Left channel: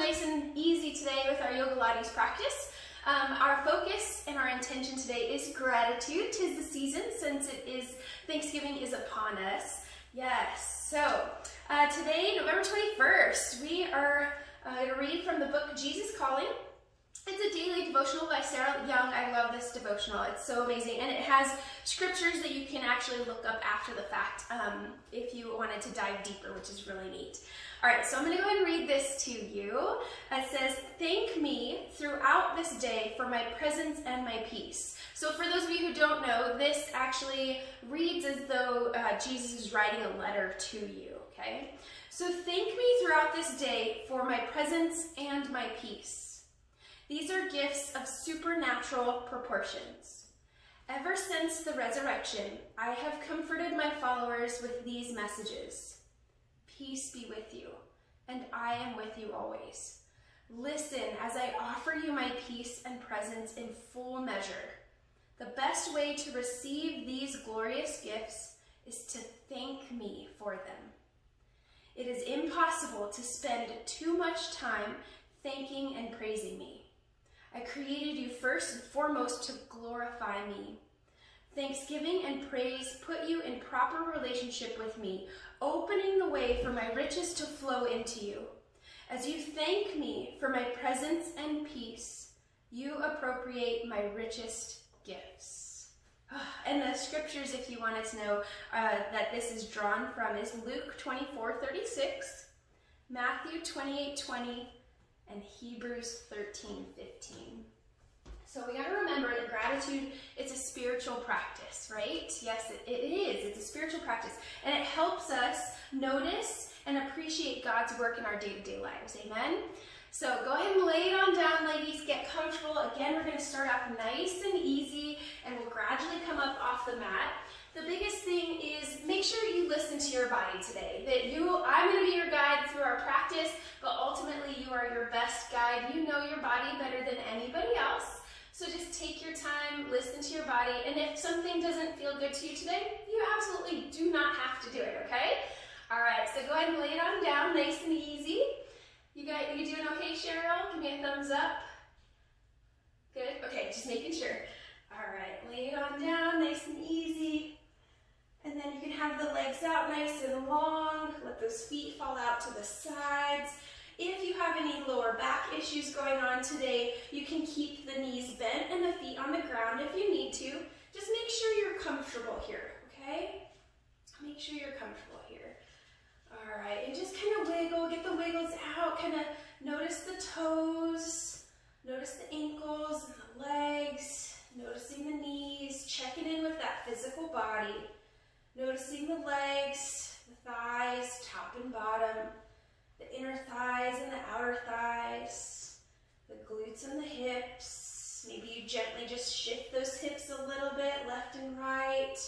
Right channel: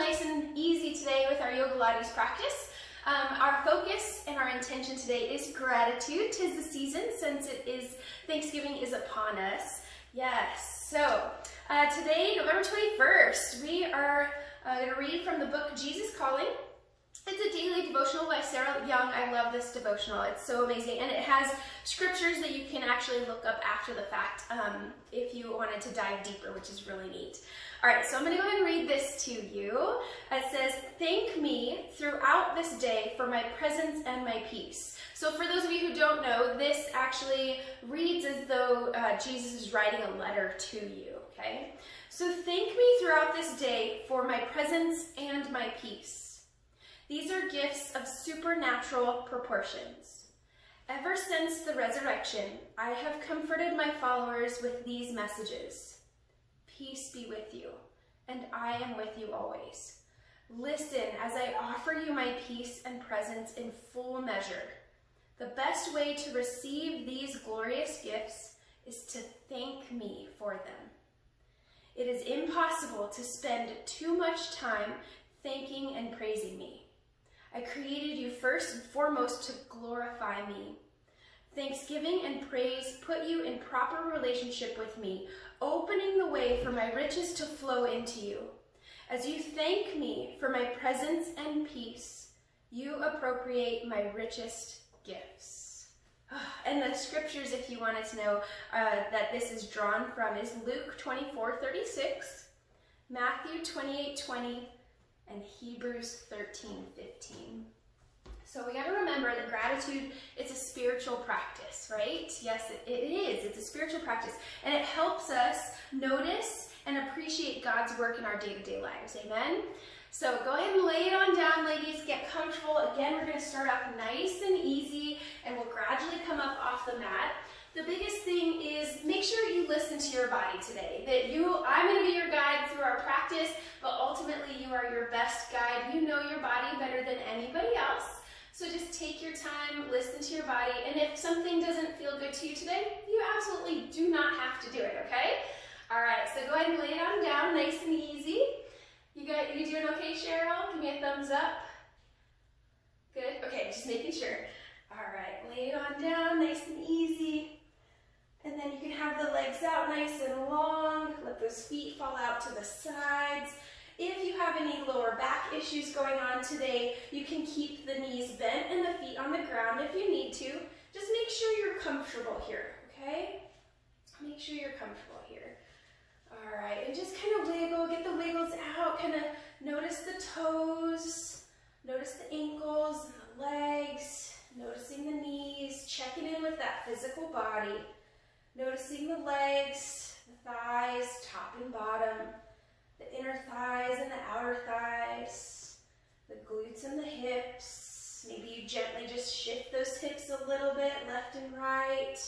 nice and easy today with our YOGAlates practice. Our focus and our intention today is gratitude. 'Tis the season since Thanksgiving is upon us. Yes, so today, November 21st, we are going to read from the book Jesus Calling. It's a daily devotional by Sarah Young. I love this devotional. It's so amazing. And it has scriptures that you can actually look up after the fact if you wanted to dive deeper, which is really neat. All right, so I'm going to go ahead and read this to you. It says, "Thank me throughout this day for my presence and my peace." So for those of you who don't know, this actually reads as though Jesus is writing a letter to you, okay? So thank me throughout this day for my presence and my peace. These are gifts of supernatural proportions. Ever since the resurrection, I have comforted my followers with these messages. Peace be with you, and I am with you always. Listen as I offer you my peace and presence in full measure. The best way to receive these glorious gifts is to thank me for them. It is impossible to spend too much time thanking and praising me. I created you first and foremost to glorify me. Thanksgiving and praise put you in proper relationship with me, opening the way for my riches to flow into you. As you thank me for my presence and peace, you appropriate my richest gifts. And the scriptures, if you wanted to know that this is drawn from, is Luke 24:36, Matthew 28:20, and Hebrews 13:15. So we gotta remember that gratitude, it's a spiritual practice, right? Yes, it is. It's a spiritual practice. And it helps us notice and appreciate God's work in our day-to-day lives, amen? So go ahead and lay it on down, ladies. Get comfortable. Again, we're gonna start off nice and easy, and we'll gradually come up off the mat. The biggest thing is make sure you listen to your body today. I'm gonna be your guide through our practice, but ultimately you are your best guide. You know your body better than anybody else. So just take your time, listen to your body, and if something doesn't feel good to you today, you absolutely do not have to do it, okay? All right, so go ahead and lay it on down, nice and easy. You doing okay, Cheryl? Give me a thumbs up. Good, okay, just making sure. All right, lay it on down, nice and easy. And then you can have the legs out nice and long. Let those feet fall out to the sides. If you have any lower back issues going on today, you can keep the knees bent and the feet on the ground if you need to. Just make sure you're comfortable here, okay? Make sure you're comfortable here. All right, and just kind of wiggle, get the wiggles out, kind of notice the toes, notice the ankles and the legs, noticing the knees, checking in with that physical body. Noticing the legs, the thighs, top and bottom, the inner thighs and the outer thighs, the glutes and the hips. Maybe you gently just shift those hips a little bit, left and right,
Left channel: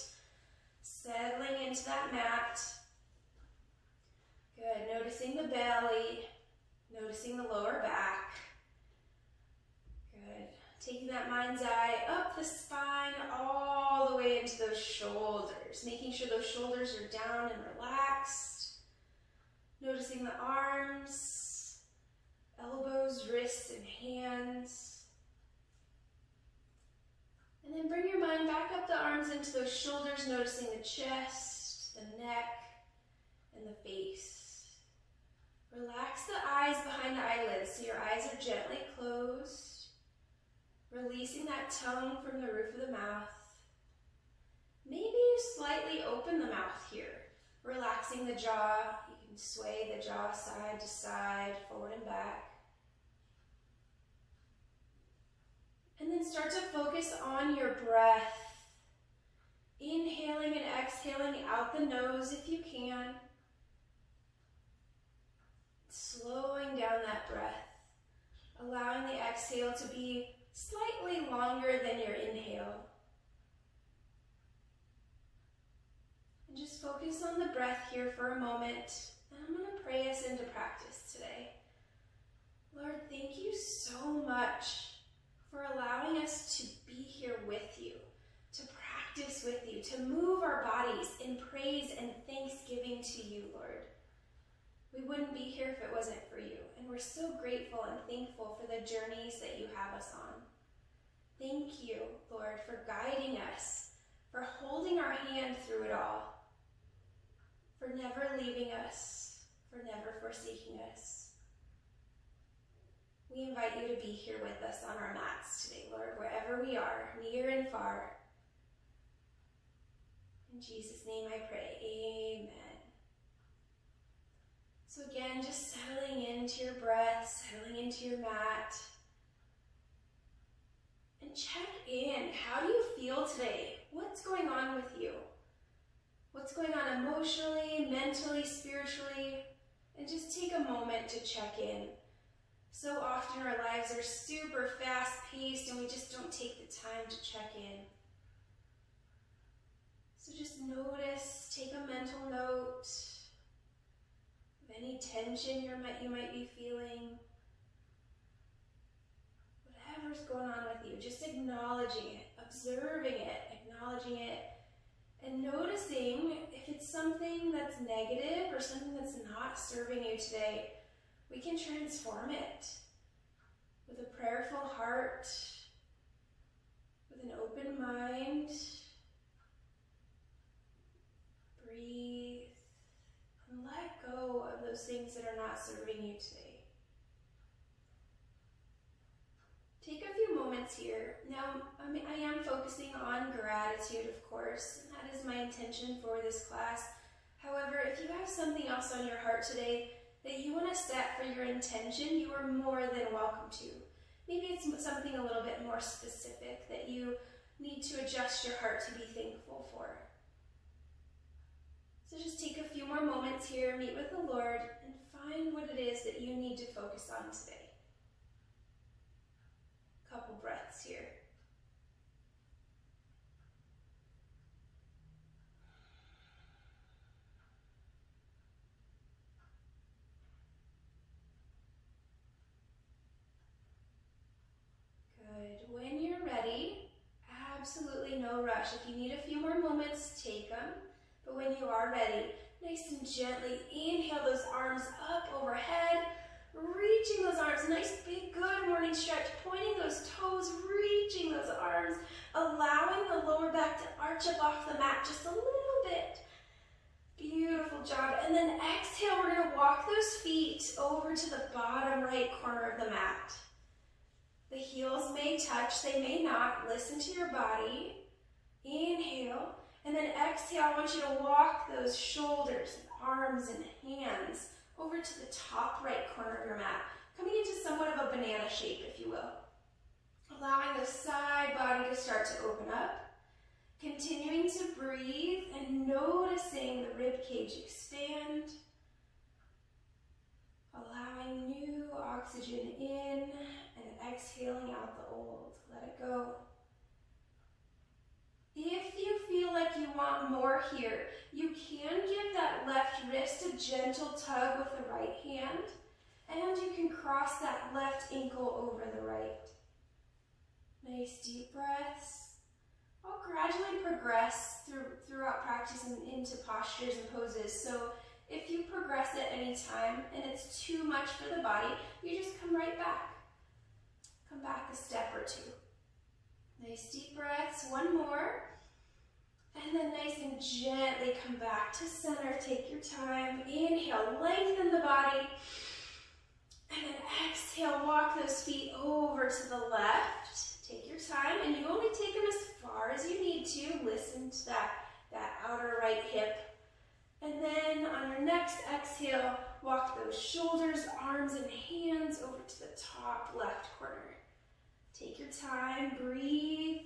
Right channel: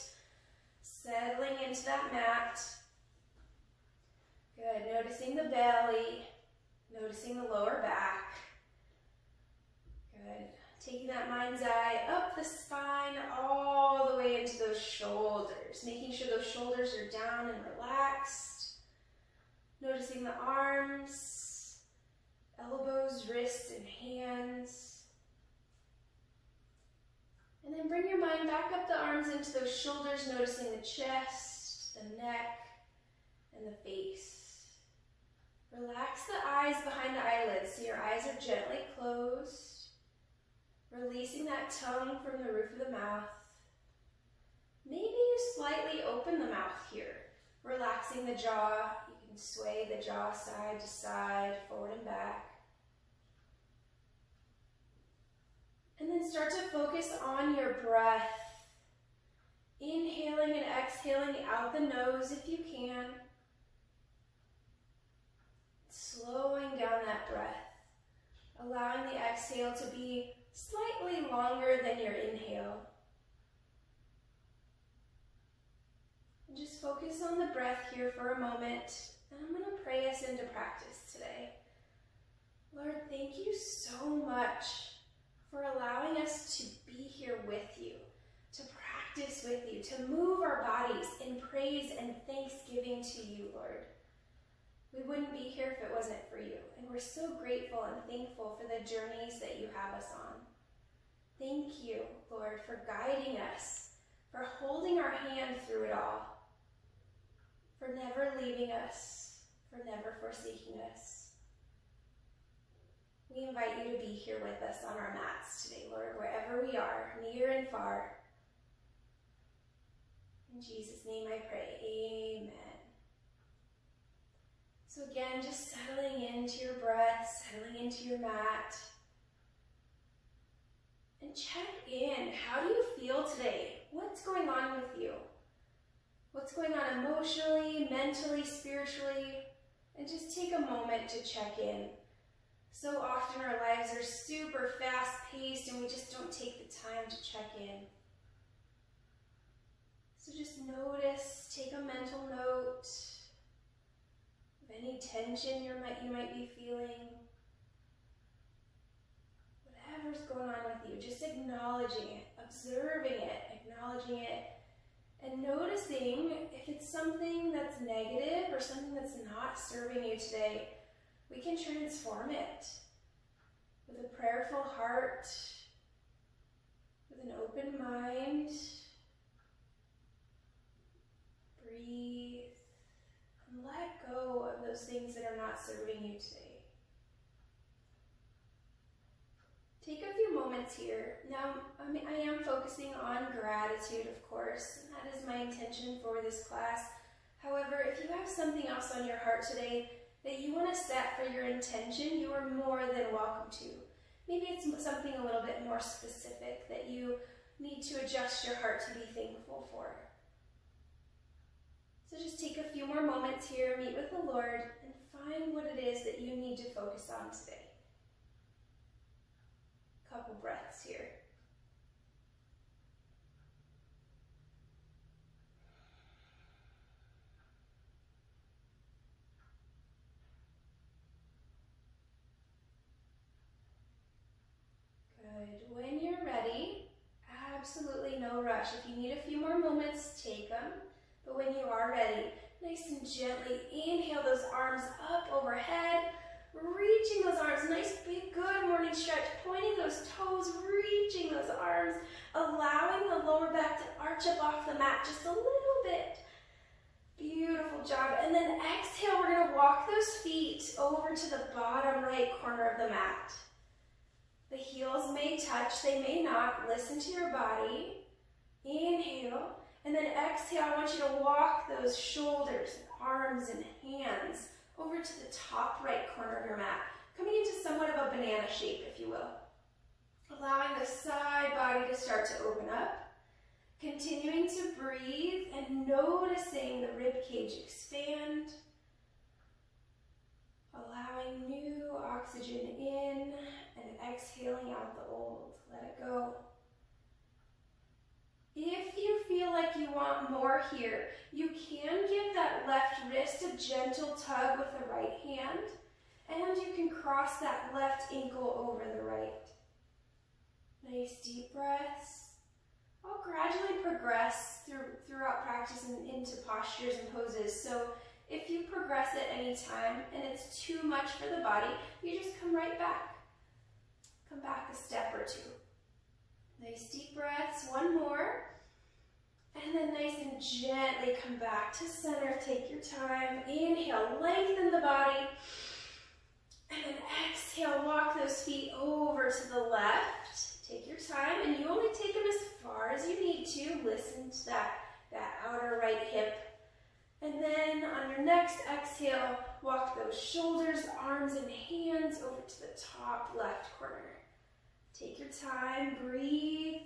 settling into that mat. Good, noticing the belly, noticing the lower back. Good. Taking that mind's eye up the spine, all the way into those shoulders. Making sure those shoulders are down and relaxed. Noticing the arms, elbows, wrists, and hands. And then bring your mind back up the arms into those shoulders, noticing the chest, the neck, and the face. Relax the eyes behind the eyelids so your eyes are gently closed. Releasing that tongue from the roof of the mouth. Maybe you slightly open the mouth here, relaxing the jaw. You can sway the jaw side to side, forward and back. And then start to focus on your breath. Inhaling and exhaling out the nose if you can. Slowing down that breath, allowing the exhale to be slightly longer than your inhale. And just focus on the breath here for a moment. And I'm going to pray us into practice today. Lord, thank you so much for allowing us to be here with you, to practice with you, to move our bodies in praise and thanksgiving to you, Lord. We wouldn't be here if it wasn't for you. And we're so grateful and thankful for the journeys that you have us on. Thank you, Lord, for guiding us, for holding our hand through it all, for never leaving us, for never forsaking us. We invite you to be here with us on our mats today, Lord, wherever we are, near and far. In Jesus' name I pray, amen. So again, just settling into your breath, settling into your mat. And check in. How do you feel today? What's going on with you? What's going on emotionally, mentally, spiritually? And just take a moment to check in. So often our lives are super fast-paced and we just don't take the time to check in. So just notice, take a mental note of any tension you might be feeling. Whatever's going on with you, just acknowledging it, observing it, acknowledging it, and noticing if it's something that's negative or something that's not serving you today. We can transform it with a prayerful heart, with an open mind. Breathe and let go of those things that are not serving you today. Take a few moments here. Now, I am focusing on gratitude, of course, and that is my intention for this class. However, if you have something else on your heart today that you want to set for your intention, you are more than welcome to. Maybe it's something a little bit more specific that you need to adjust your heart to be thankful for. So just take a few more moments here, meet with the Lord, and find what it is that you need to focus on today. Couple breaths here. Good. When you're ready, absolutely no rush. If you need a few more moments, take them. But when you are ready, nice and gently inhale those arms up overhead, reaching those arms, nice big good morning stretch, pointing those toes, reaching those arms, allowing the lower back to arch up off the mat just a little bit. Beautiful job. And then exhale, we're going to walk those feet over to the bottom right corner of the mat. The heels may touch, they may not. Listen to your body. Inhale. And then exhale, I want you to walk those shoulders, arms, and hands over to the top right corner of your mat, coming into somewhat of a banana shape, if you will. Allowing the side body to start to open up. Continuing to breathe and noticing the rib cage expand. Allowing new oxygen in and exhaling out the old. Let it go. If you feel like you want more here, you can give that left wrist a gentle tug with the right hand, and you can cross that left ankle over the right. Nice deep breaths. I'll gradually progress throughout practice and into postures and poses, so if you progress at any time and it's too much for the body, you just come right back. Come back a step or two. Nice deep breaths, one more. And then nice and gently come back to center. Take your time. Inhale, lengthen the body. And then exhale, walk those feet over to the left. Take your time, and you only take them as far as you need to. Listen to that outer right hip. And then on your next exhale, walk those shoulders, arms, and hands over to the top left corner. Take your time, breathe.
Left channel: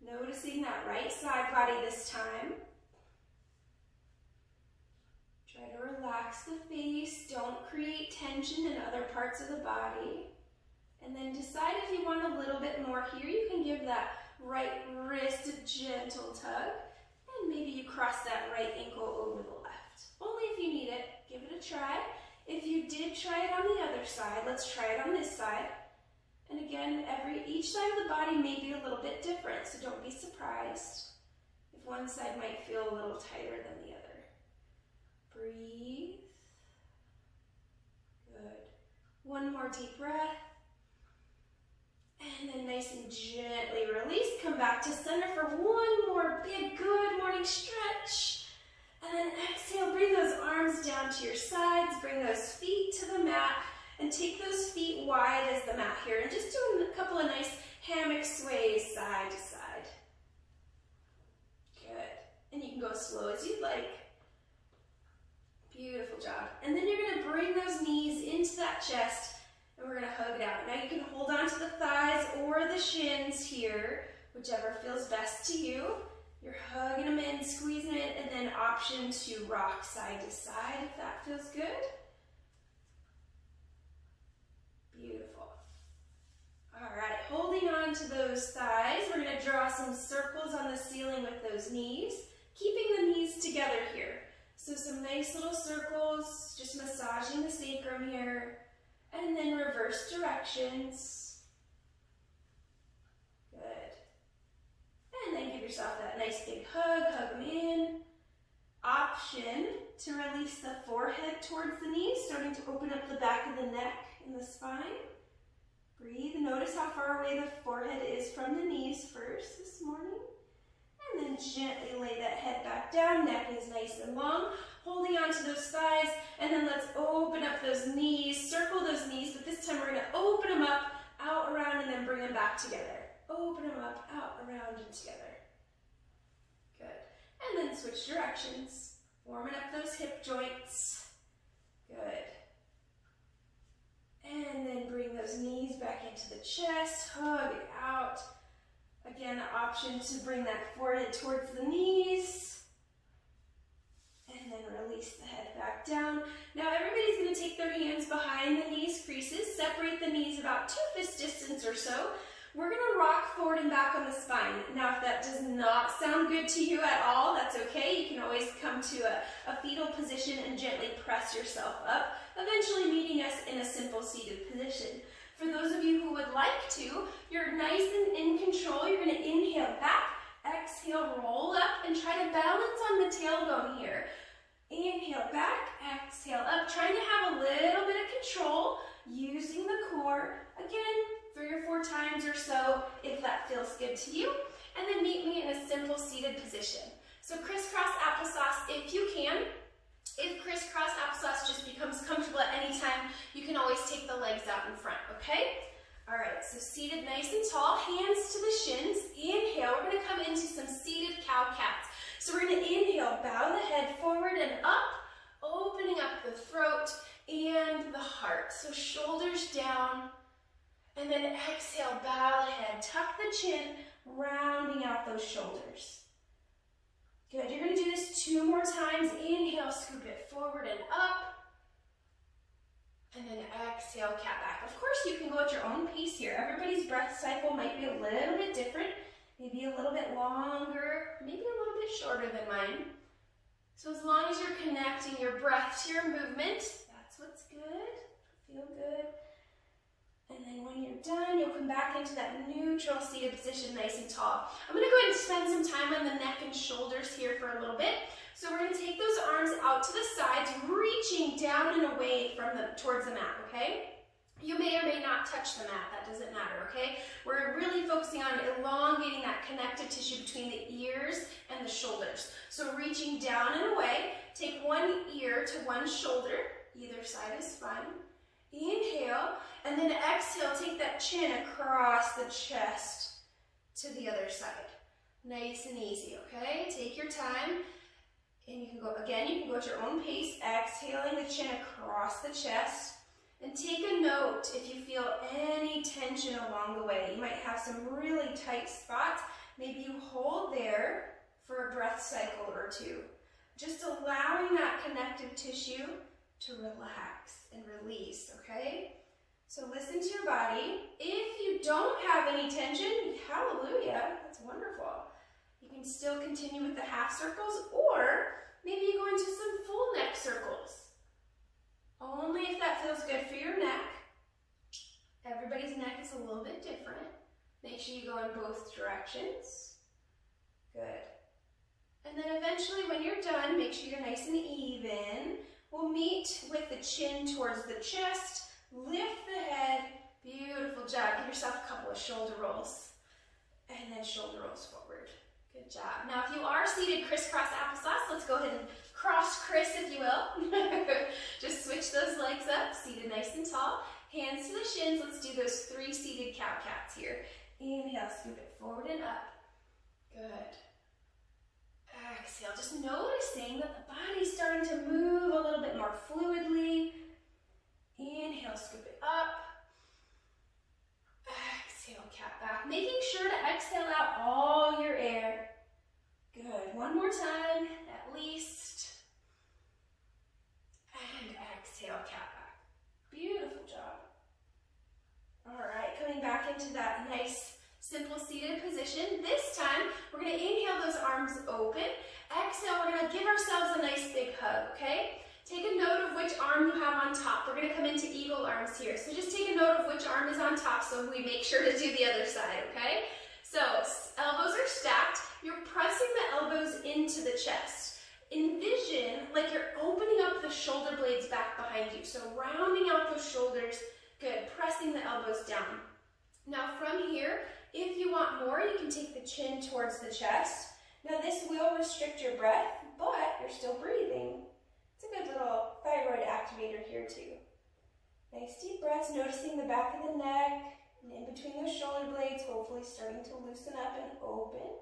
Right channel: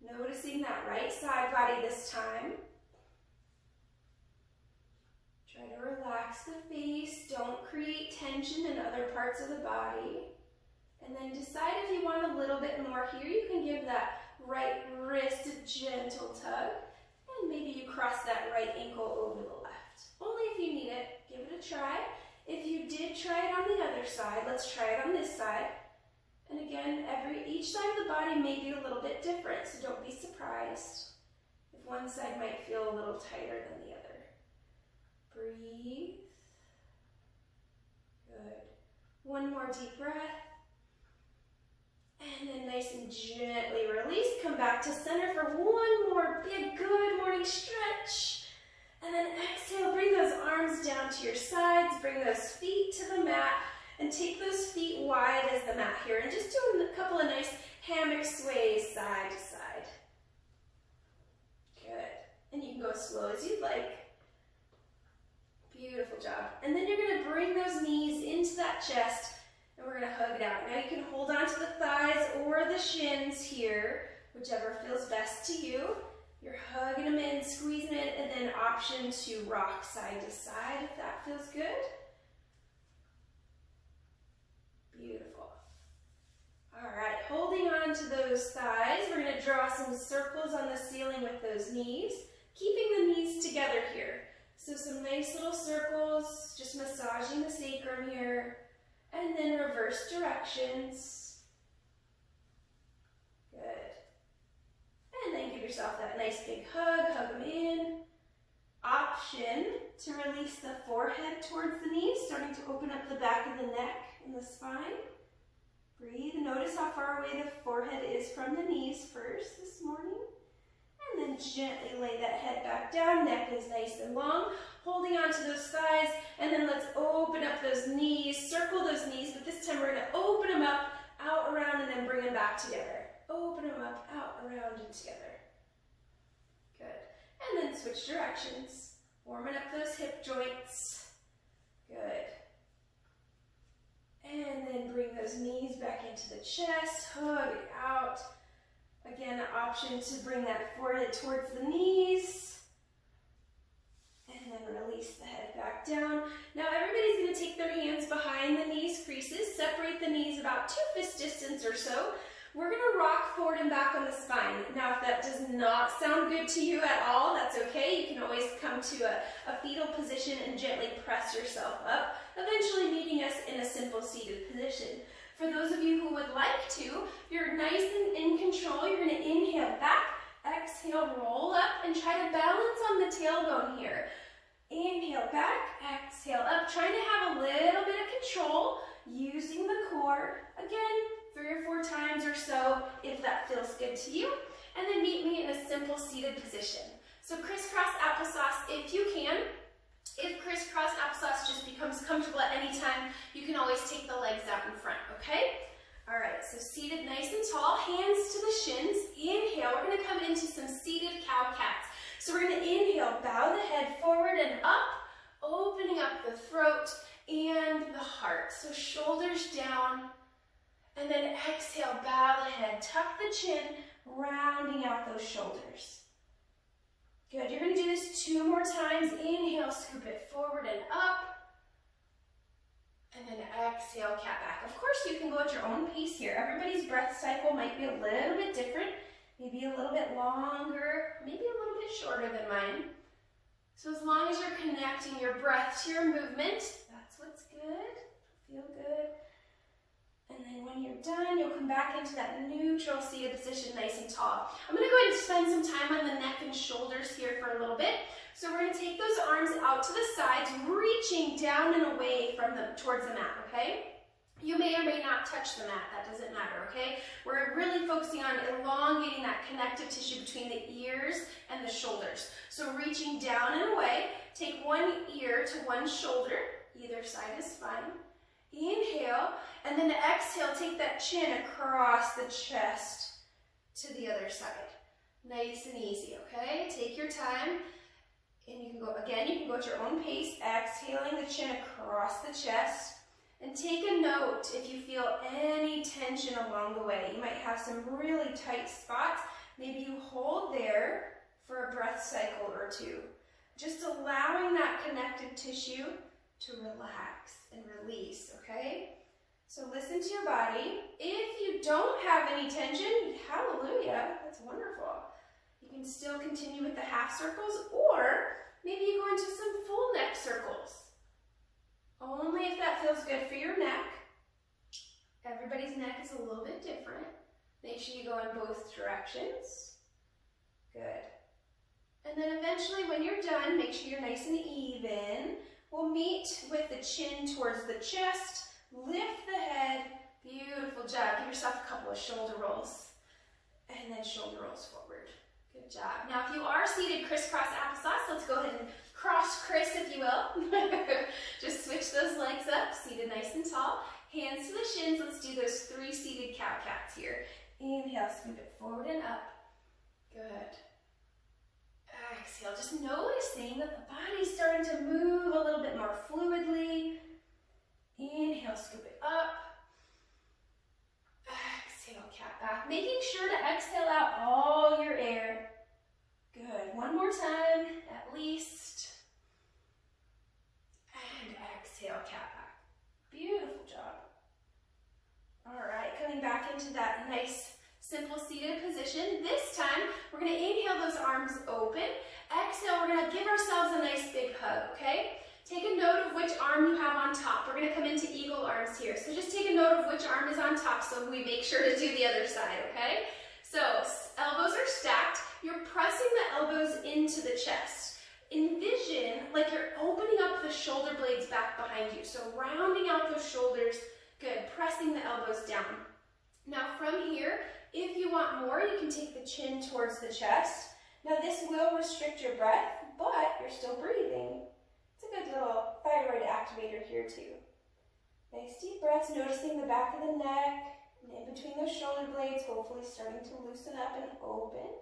Noticing that right side body this time. Try to relax the face. Don't create tension in other parts of the body. And then decide if you want a little bit more here. You can give that right wrist a gentle tug. And maybe you cross that right ankle over the left. Only if you need it. Give it a try. If you did try it on the other side, let's try it on this side. And again, each side of the body may be a little bit different, so don't be surprised if one side might feel a little tighter than the other. Breathe. One more deep breath. And then nice and gently release. Come back to center for one more big good morning stretch. And then exhale, bring those arms down to your sides. Bring those feet to the mat. And take those feet wide as the mat here. And just do a couple of nice hammock sways side to side. Good. And you can go as slow as you'd like. Beautiful job. And then you're going to bring those knees into that chest. And we're going to hug it out. Now you can hold on to the thighs or the shins here, whichever feels best to you. You're hugging them in, squeezing it, and then option to rock side to side if that feels good. Beautiful. All right, holding on to those thighs, we're going to draw some circles on the ceiling with those knees, keeping the knees together here. So some nice little circles, just massaging the sacrum here. And then reverse directions. Good. And then give yourself that nice big hug, hug them in. Option to release the forehead towards the knees, starting to open up the back of the neck and the spine. Breathe, notice how far away the forehead is from the knees first this morning. And then gently lay that head back down, neck is nice and long. Holding on to those thighs, and then let's open up those knees, circle those knees, but this time we're going to open them up, out, around, and then bring them back together. Open them up, out, around, and together. Good. And then switch directions. Warming up those hip joints. Good. And then bring those knees back into the chest, hug it out. Again, an option to bring that forehead towards the knees. And then release the head back down. Now everybody's going to take their hands behind the knees creases, separate the knees about 2 fist distance or so. We're going to rock forward and back on the spine. Now if that does not sound good to you at all, that's okay. You can always come to a fetal position and gently press yourself up, eventually meeting us in a simple seated position. For those of you who would like to, you're nice and in control. You're going to inhale back, exhale, roll up, and try to balance on the tailbone here. Inhale back, exhale up, trying to have a little bit of control, using the core. Again, 3 or 4 times or so, if that feels good to you. And then meet me in a simple seated position. So crisscross applesauce if you can. If crisscross applesauce just becomes comfortable at any time, you can always take the legs out in front, okay? All right, so seated nice and tall, hands to the shins. Inhale, we're gonna come into some seated cow-cats. So we're gonna inhale, bow the head forward and up, opening up the throat and the heart. So shoulders down, and then exhale, bow the head, tuck the chin, rounding out those shoulders. Good, you're gonna do this 2 more times. Inhale, scoop it forward and up. And then exhale, cat back. Of course, you can go at your own pace here. Everybody's breath cycle might be a little bit different, maybe a little bit longer, maybe a little bit shorter than mine. So as long as you're connecting your breath to your movement, that's what's good. Feel good. And then when you're done, you'll come back into that neutral seated position, nice and tall. I'm gonna go ahead and spend some time on the neck and shoulders here for a little bit. So we're gonna take those arms out to the sides, reaching down and away from towards the mat, okay? You may or may not touch the mat, that doesn't matter, okay? We're really focusing on elongating that connective tissue between the ears and the shoulders. So reaching down and away, take one ear to one shoulder, either side is fine. Inhale, and then exhale, take that chin across the chest to the other side. Nice and easy, okay? Take your time, and you can go, again, you can go at your own pace, exhaling the chin across the chest, and take a note if you feel any tension along the way. You might have some really tight spots. Maybe you hold there for a breath cycle or 2. Just allowing that connective tissue to relax and release, okay? So listen to your body. If you don't have any tension, hallelujah, that's wonderful. You can still continue with the half circles, or maybe you go into some full neck circles. Only if that feels good for your neck. Everybody's neck is a little bit different. Make sure you go in both directions. Good. And then eventually when you're done, make sure you're nice and even. We'll meet with the chin towards the chest, Lift the head. Beautiful job. Give yourself a couple of shoulder rolls. And then shoulder rolls forward. Good job. Now, if you are seated crisscross applesauce, let's go ahead and cross Chris, if you will. Just switch those legs up, seated nice and tall. Hands to the shins. Let's do those 3 seated cow-cats here. Inhale, scoop it forward and up. Good. Exhale, just noticing that the body's starting to move a little bit more fluidly. Inhale, scoop it up. Exhale, cat back. Making sure to exhale out all your air. Good. One more time, at least. And exhale, cat back. Beautiful job. All right, coming back into that nice, simple seated position. This time, we're going to inhale those arms open. Exhale, we're going to give ourselves a nice big hug, okay? Take a note of which arm you have on top. We're going to come into eagle arms here. So just take a note of which arm is on top so we make sure to do the other side, okay? So elbows are stacked. You're pressing the elbows into the chest. Envision like you're opening up the shoulder blades back behind you. So rounding out those shoulders. Good. Pressing the elbows down. Now from here, if you want more, you can take the chin towards the chest. Now this will restrict your breath, but you're still breathing. It's a good little thyroid activator here too. Nice deep breaths, noticing the back of the neck and in between those shoulder blades, hopefully starting to loosen up and open.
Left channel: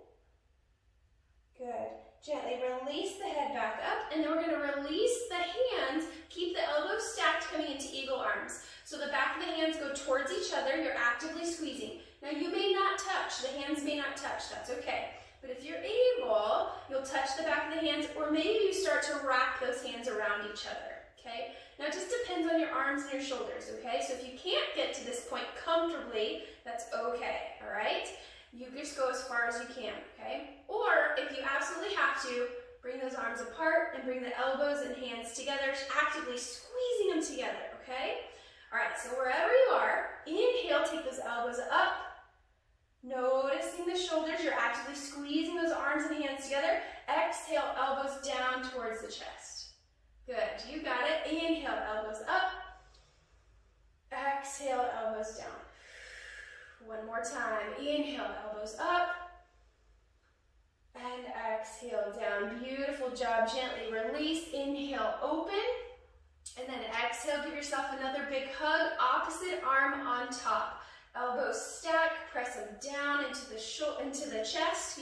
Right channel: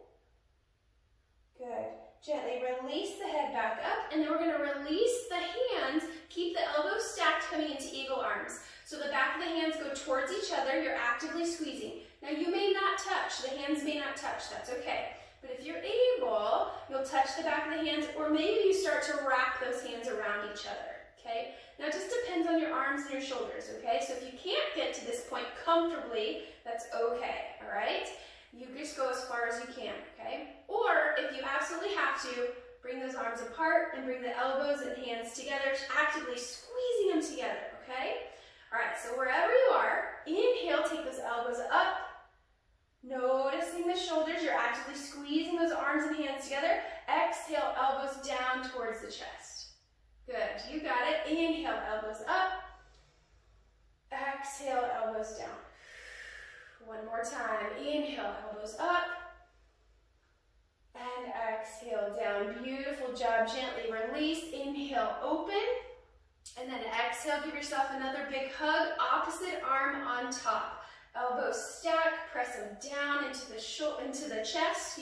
Good. Gently release the head back up, and then we're going to release the hands. Keep the elbows stacked coming into eagle arms. So the back of the hands go towards each other. You're actively squeezing. Now you may not touch. The hands may not touch. That's okay. But if you're able, you'll touch the back of the hands, or maybe you start to wrap those hands around each other, okay? Now it just depends on your arms and your shoulders, okay? So if you can't get to this point comfortably, that's okay, all right? You just go as far as you can, okay? Or if you absolutely have to, bring those arms apart and bring the elbows and hands together, actively squeezing them together, okay? All right, so wherever you are, inhale, take those elbows up. Noticing the shoulders, you're actively squeezing those arms and hands together. Exhale, elbows down towards the chest. Good, you got it. Inhale, elbows up. Exhale, elbows down. One more time. Inhale, elbows up. And exhale, down. Beautiful job. Gently release. Inhale, open. And then exhale, give yourself another big hug. Opposite arm on top. Elbows stack, press them down into the chest,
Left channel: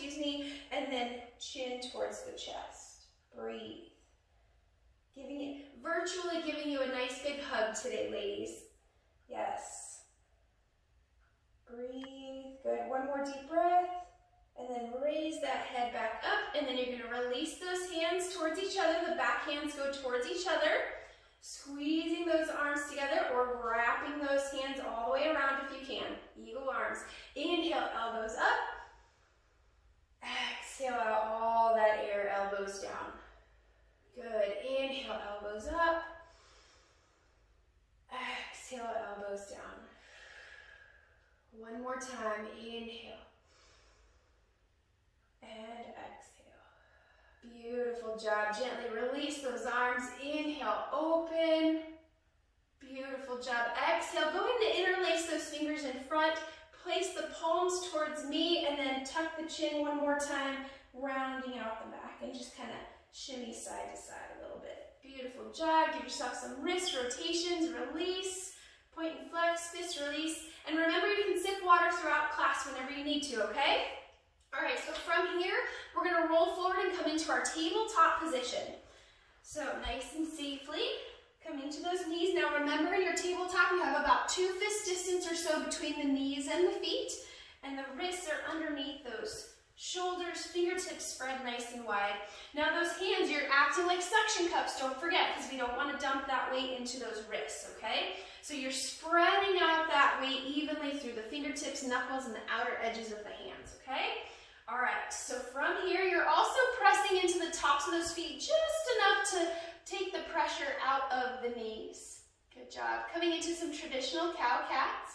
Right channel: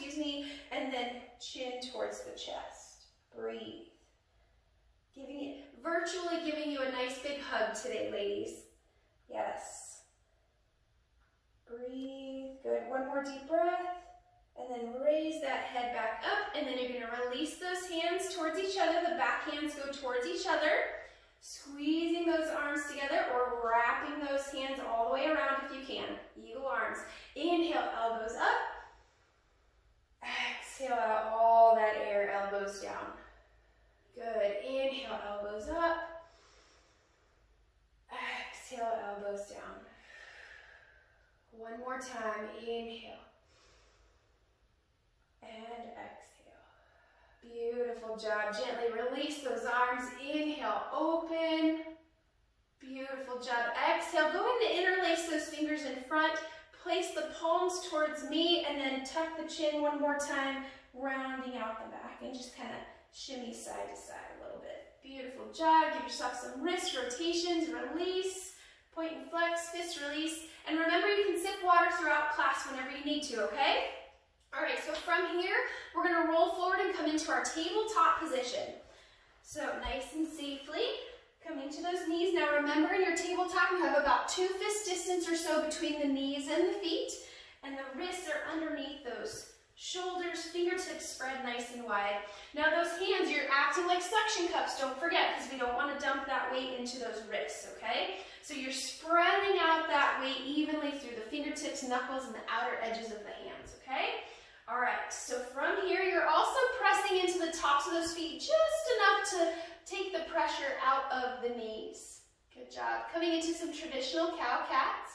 and then chin towards the chest. Breathe. Virtually giving you a nice big hug today, ladies. Yes. Breathe. Good. One more deep breath. And then raise that head back up, and then you're going to release those hands towards each other. The back hands go towards each other. Squeezing those arms together or wrapping those hands all the way around if you can. Eagle arms. Inhale, elbows up. Exhale out all that air, elbows down. Good. Inhale, elbows up. Exhale, elbows down. One more time. Inhale. And exhale. Beautiful job. Gently release those arms. Inhale, open. Beautiful job. Exhale, go ahead and interlace those fingers in front. Place the palms towards me and then tuck the chin one more time, rounding out the back and just kind of shimmy side to side a little bit. Beautiful job. Give yourself some wrist rotations. Release. Point and flex, fist release. And remember, you can sip water throughout class whenever you need to, okay? All right, so from here, we're going to roll forward and come into our tabletop position. So nice and safely, coming to those knees. Now remember, in your tabletop, you have about 2 fist distance or so between the knees and the feet, and the wrists are underneath those shoulders, fingertips spread nice and wide. Now those hands, you're acting like suction cups, don't forget, because we don't want to dump that weight into those wrists, okay? So you're spreading out that weight evenly through the fingertips, knuckles, and the outer edges of the hands, okay? All right, so from here, you're also pressing into the tops of those feet just enough to take the pressure out of the knees. Good job. Coming into some traditional cow-cats.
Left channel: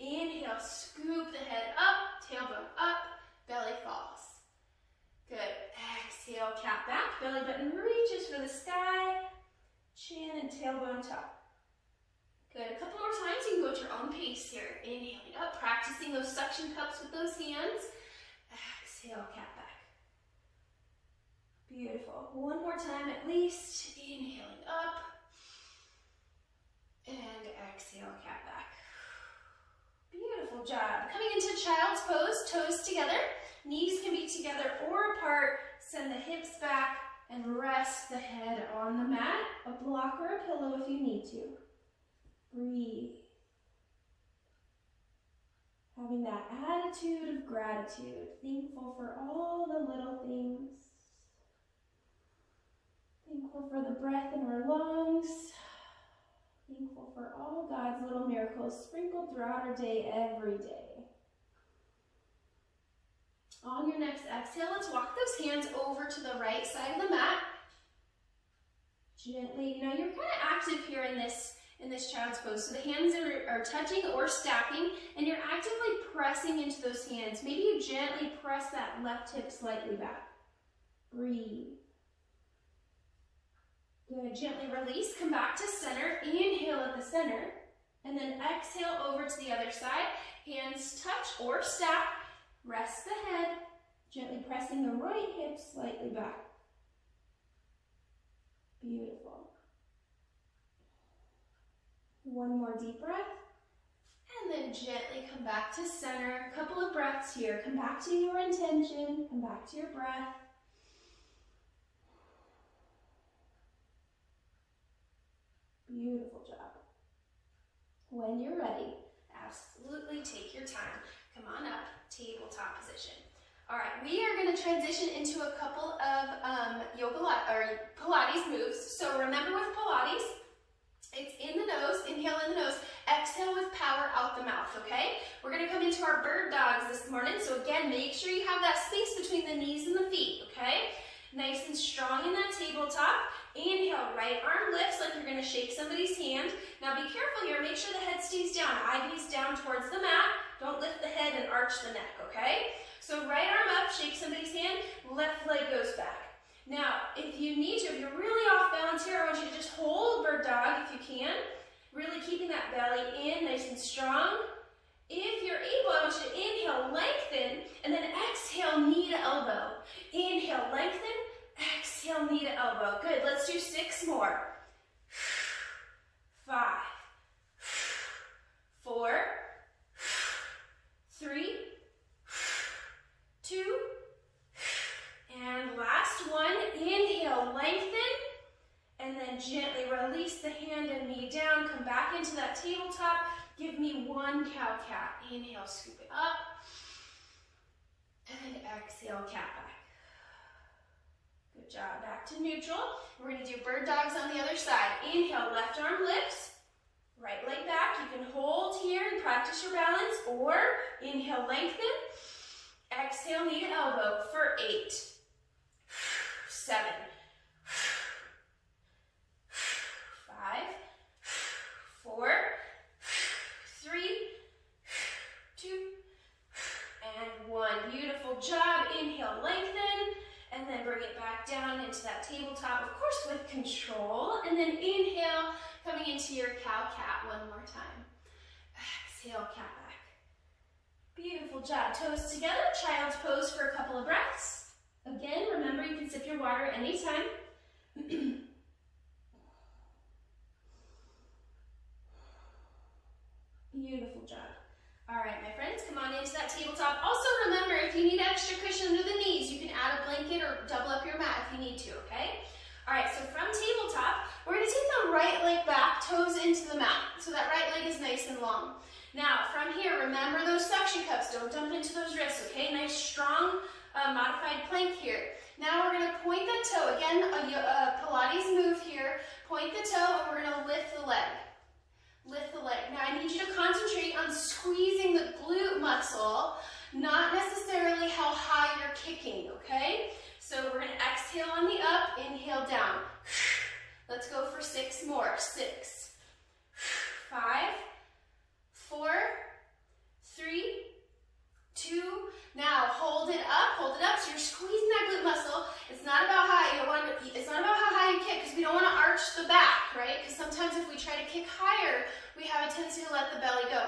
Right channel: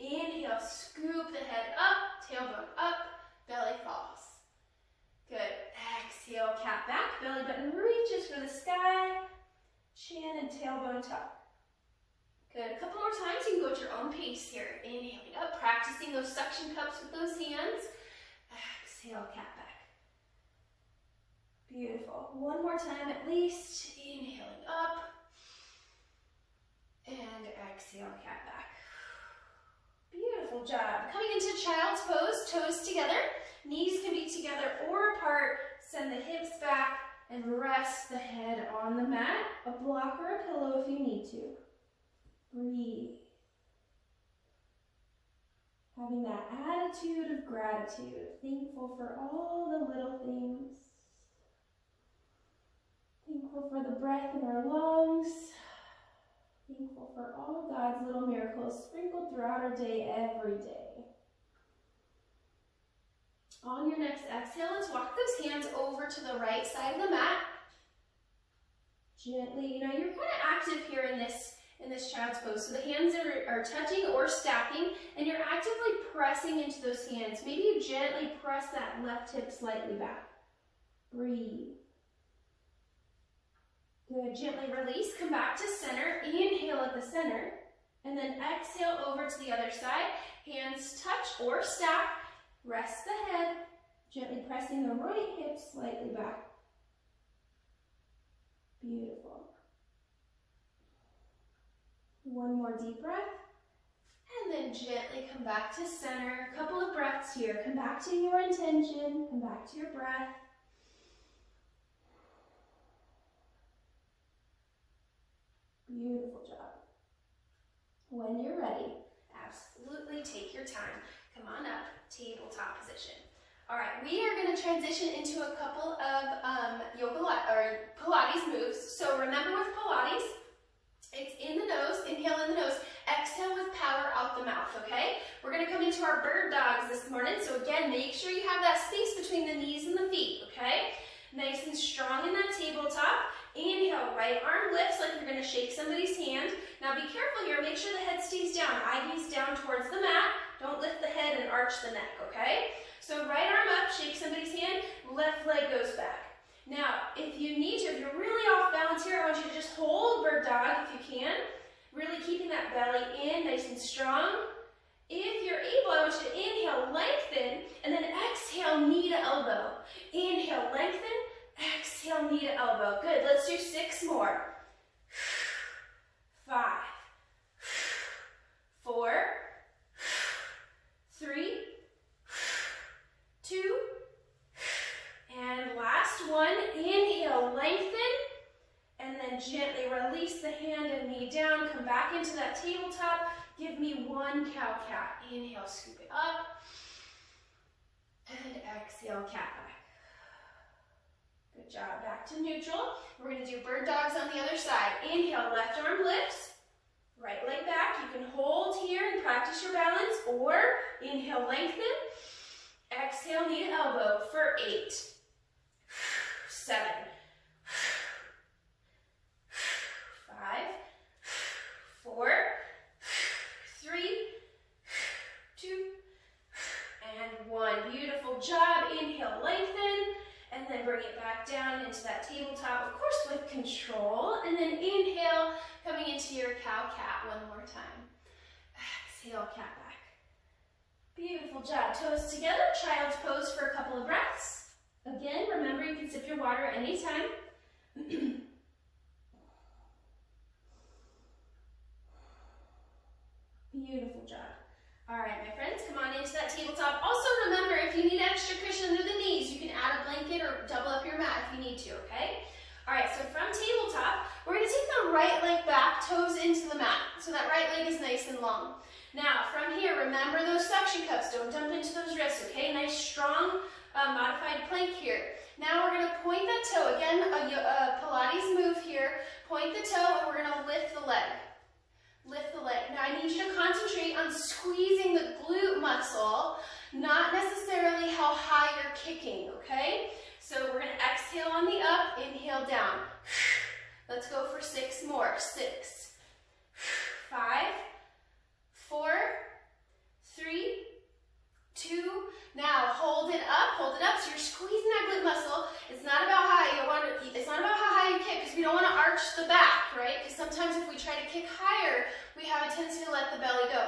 Inhale, scoop the head up, tailbone up, belly falls. Good. Exhale, cat back, belly button reaches for the sky, chin and tailbone top. Good. A couple more release here. Inhaling up, practicing those suction cups with those hands. Exhale, cat back. Beautiful. One more time at least. Inhaling up. And exhale, cat back. Beautiful job. Coming into child's pose, toes together. Knees can be together or apart. Send the hips back and rest the head on the mat. A block or a pillow if you need to. Breathe. Having that attitude of gratitude, thankful for all the little things. Thankful for the breath in our lungs. Thankful for all God's little miracles sprinkled throughout our day every day. On your next exhale, let's walk those hands over to the right side of the mat. Gently, you're kind of active here in this child's pose. So the hands are touching or stacking, and you're actively pressing into those hands. Maybe you gently press that left hip slightly back. Breathe. Good. Gently release. Come back to center. Inhale at the center, and then exhale over to the other side. Hands touch or stack. Rest the head. Gently pressing the right hip slightly back. Beautiful. One more deep breath, and then gently come back to center. A couple of breaths here. Come back to your intention. Come back to your breath. Beautiful job. When you're ready, absolutely take your time. Come on up, tabletop position. All right, we are going to transition into a couple of Pilates moves. So remember with Pilates, it's in the nose, inhale in the nose, exhale with power out the mouth, okay? We're gonna come into our bird dogs this morning, so again, make sure you have that space between the knees and the feet, okay? Nice and strong in that tabletop. Inhale, right arm lifts like you're gonna shake somebody's hand. Now be careful here, make sure the head stays down, eye gaze down towards the mat. Don't lift the head and arch the neck, okay? So right arm up, shake somebody's hand, left leg goes back. Now, if you need to, if you're really off balance here, I want you to just hold bird dog if you can. Really keeping that belly in, nice and strong. If you're able, I want you to inhale, lengthen, and then exhale, knee to elbow. Inhale, lengthen, exhale, knee to elbow. Good, let's do 6 more. 5, 4, 3, 2, and last one. Inhale, lengthen, and then gently release the hand and knee down. Come back into that tabletop. Give me 1 cow-cat. Inhale, scoop it up, and exhale, cat back. Good job. Back to neutral. We're going to do bird dogs on the other side. Inhale, left arm lifts, right leg back. You can hold here and practice your balance, or inhale, lengthen, exhale, knee to elbow for 8, 7, 5, 4, 3, 2, and 1. Beautiful job. Inhale, lengthen, and then bring it back down into that tabletop, of course with control. And then inhale, coming into your cow-cat one more time. Exhale, cat back. Beautiful job. Toes together, child's pose for a couple of breaths. Again, remember you can sip your water anytime. Beautiful job. All right, my friends, come on into that tabletop. Also remember, if you need extra cushion under the knees, you can add a blanket or double up your mat if you need to, okay? All right, so from tabletop, we're gonna take the right leg back, toes into the mat. So that right leg is nice and long. Now, from here, remember those suction cups. Don't dump into those wrists, okay? Nice, strong, modified plank here. Now we're gonna point the toe. Again, a Pilates move here. Point the toe, and we're gonna lift the leg. Lift the leg. Now I need you to concentrate on squeezing the glute muscle, not necessarily how high you're kicking, okay? So we're gonna exhale on the up, inhale down. Let's go for 6 more. 6, 5, 4, 3, 2. Now hold it up. So you're squeezing that glute muscle. It's not about how you kick, because we don't want to arch the back, right? Because sometimes if we try to kick higher, we have a tendency to let the belly go.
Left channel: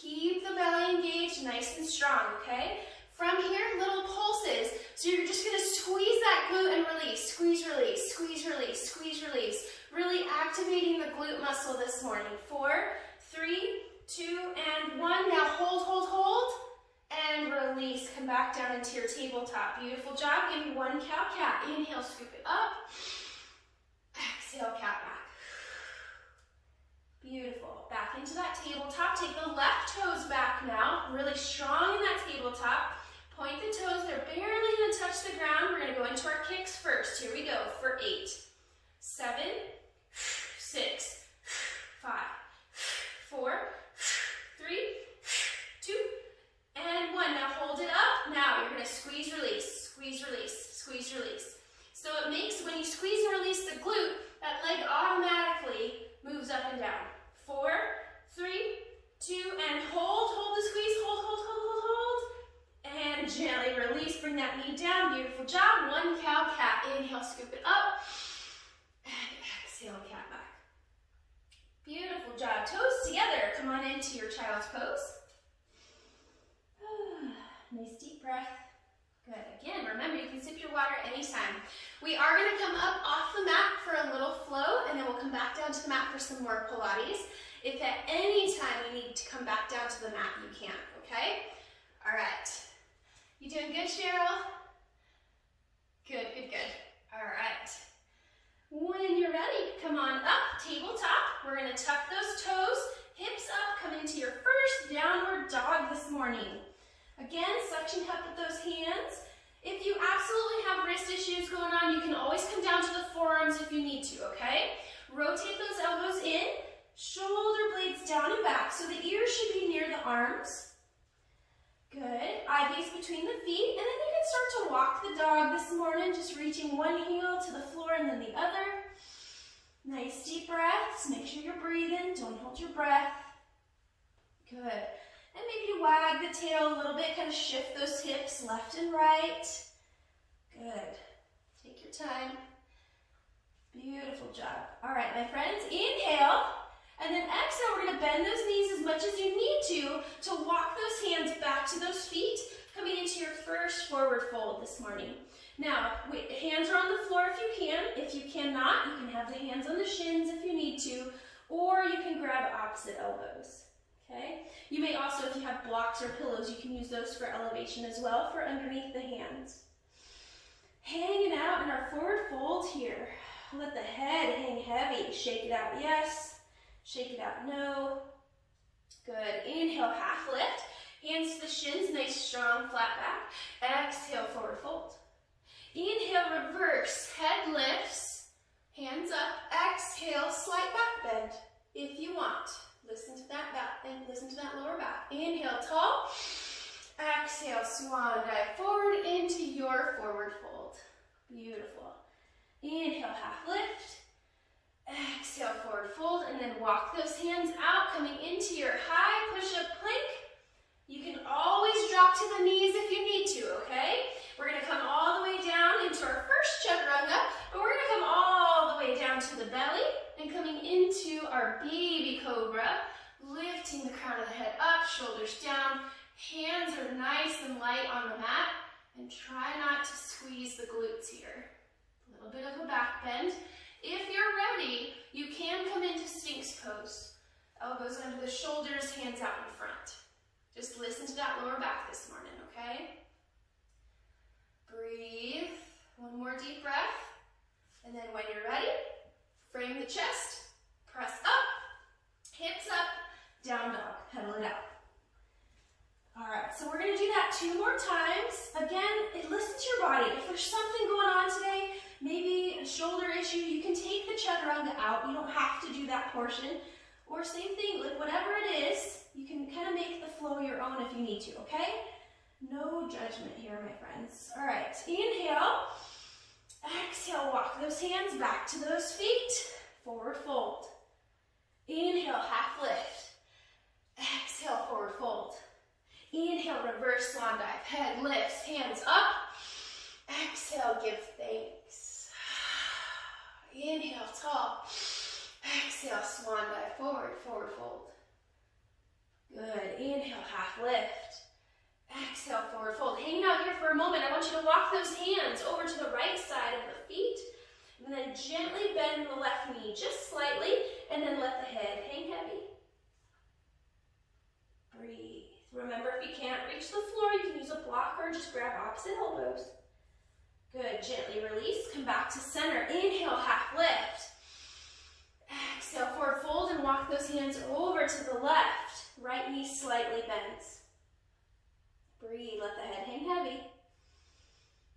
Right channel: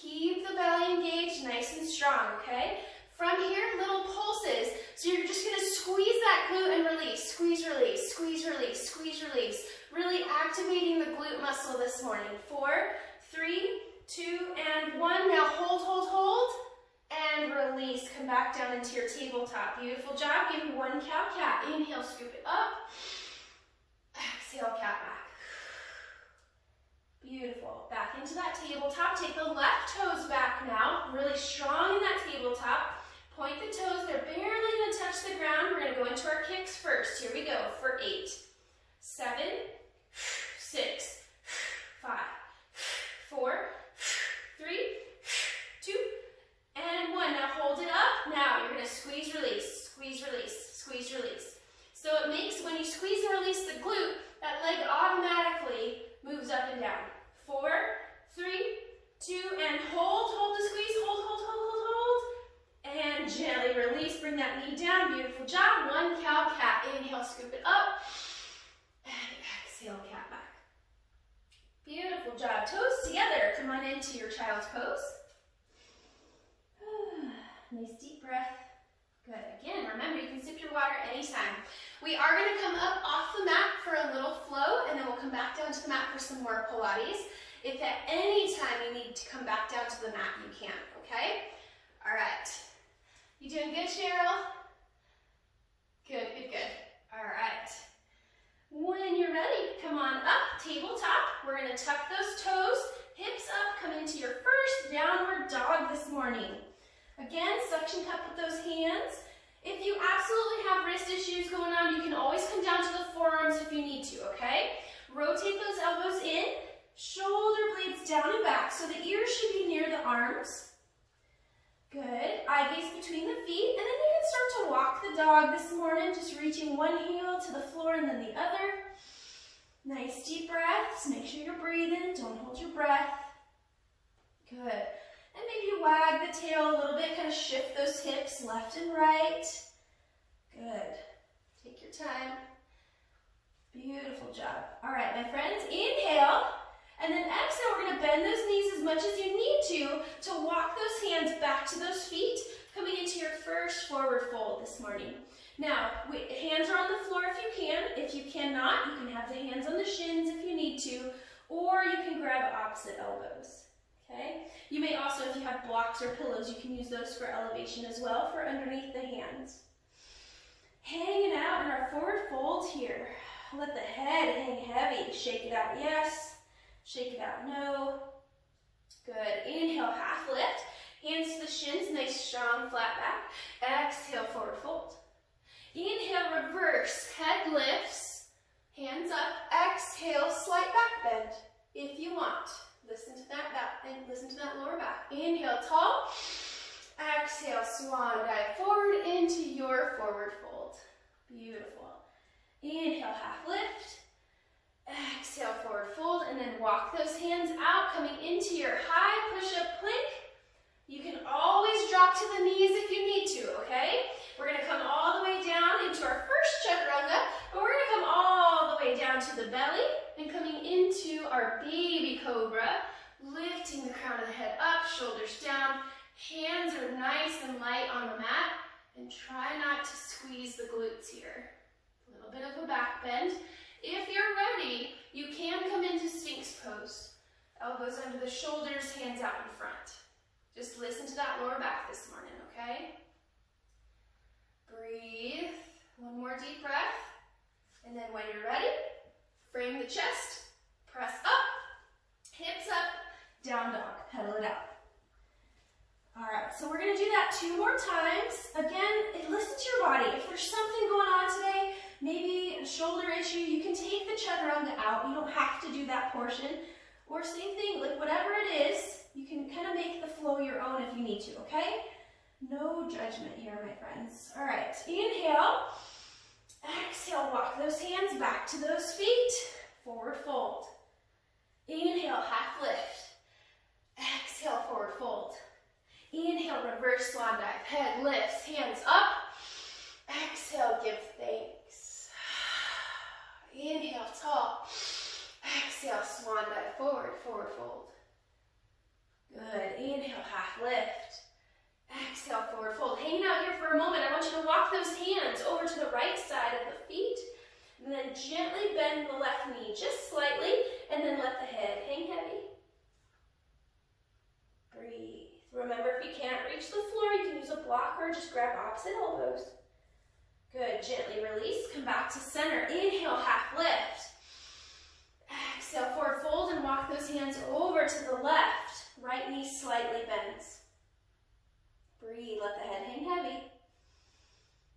Keep the belly engaged, nice and strong, okay? From here, little pulses. So you're just gonna squeeze that glute and release. Squeeze, release, squeeze, release, squeeze, release. Really activating the glute muscle this morning. 4, 3, 2, and 1. Now hold, hold, hold, and release. Come back down into your tabletop. Beautiful job. Give me 1 cow-cat. Inhale, scoop it up. Exhale, cat back. Beautiful. Back into that tabletop. Take the left toes back now. Really strong in that tabletop. Point the toes. They're barely going to touch the ground. We're going to go into our kicks first. Here we go for 8, 7, 6, 5, 4, 3, 2, and 1. Now hold it up. Now you're going to squeeze, release, squeeze, release, squeeze, release. So it makes, when you squeeze and release the glute, that leg automatically moves up and down. 4, 3, 2, and hold, hold the squeeze, hold, hold, hold, hold, hold. And gently release, bring that knee down. Beautiful job. 1 cow-cat. Inhale, scoop it up. And exhale, cat back. Beautiful job. Toes together. Come on into your child's pose. Nice deep breath. Good. Again, remember you can sip your water anytime. We are going to come up off the mat for a little flow, and then we'll come back down to the mat for some more Pilates. If at any time you need to come back down to the mat, you can, okay? All right. You doing good, Cheryl? Good, good, good. All right. When you're ready, come on up, tabletop. We're going to tuck those toes, hips up, come into your first downward dog this morning. Again, suction cup with those hands. If you absolutely have wrist issues going on, you can always come down to the forearms if you need to, okay? Rotate those elbows in, shoulder blades down and back, so the ears should be near the arms. Good. Eye gaze between the feet, and then you can start to walk the dog this morning, just reaching one heel to the floor and then the other. Nice deep breaths. Make sure you're breathing. Don't hold your breath. Good. And maybe wag the tail a little bit, kind of shift those hips left and right. Good. Take your time. Beautiful job. All right, my friends, inhale. And then exhale, we're going to bend those knees as much as you need to walk those hands back to those feet, coming into your first forward fold this morning. Now, hands are on the floor if you can. If you cannot, you can have the hands on the shins if you need to, or you can grab opposite elbows, okay? You may also, if you have blocks or pillows, you can use those for elevation as well, for underneath the hands. Hanging out in our forward fold here. Let the head hang heavy. Shake it out, yes. Shake it out, no. Good. Inhale, half lift. Hands to the shins, nice, strong, flat back. Exhale, forward fold. Inhale, reverse. Head lifts. Hands up. Exhale, slight back bend if you want. Listen to that back and listen to that lower back. Inhale, tall. Exhale, swan dive forward into your forward fold. Beautiful. Inhale, half lift. Exhale, forward fold, and then walk those hands out, coming into your high push-up plank. You can always drop to the knees if you need to, okay? We're going to come all the way down into our first chaturanga, but we're going to come all the way down to the belly and coming into our baby cobra, lifting the crown of the head up, shoulders down. Hands are nice and light on the mat, and try not to squeeze the glutes here. A little bit of a back bend. If you're ready, you can come into Sphinx pose. Elbows under the shoulders, hands out in front. Just listen to that lower back this morning, okay? Breathe. One more deep breath. And then when you're ready, frame the chest, press up, hips up, down dog, pedal it out. All right, so we're gonna do that 2 more times. Again, listen to your body. If there's something going on today, maybe a shoulder issue, you can take the chaturanga out. You don't have to do that portion. Or same thing, like whatever it is, you can kind of make the flow your own if you need to, okay? No judgment here, my friends. All right, inhale. Exhale, walk those hands back to those feet. Forward fold. Inhale, half lift. Exhale, forward fold. Inhale, reverse swan dive. Head lifts, hands up. Exhale, give thanks. Inhale, tall. Exhale, swan dive, forward, forward fold. Good. Inhale, half lift. Exhale, forward fold. Hanging out here for a moment. I want you to walk those hands over to the right side of the feet. And then gently bend the left knee just slightly. And then let the head hang heavy. Breathe. Remember, if you can't reach the floor, you can use a block or just grab opposite elbows. Good. Gently release. Come back to center. Inhale, half lift. Exhale, forward fold and walk those hands over to the left. Right knee slightly bends. Breathe. Let the head hang heavy.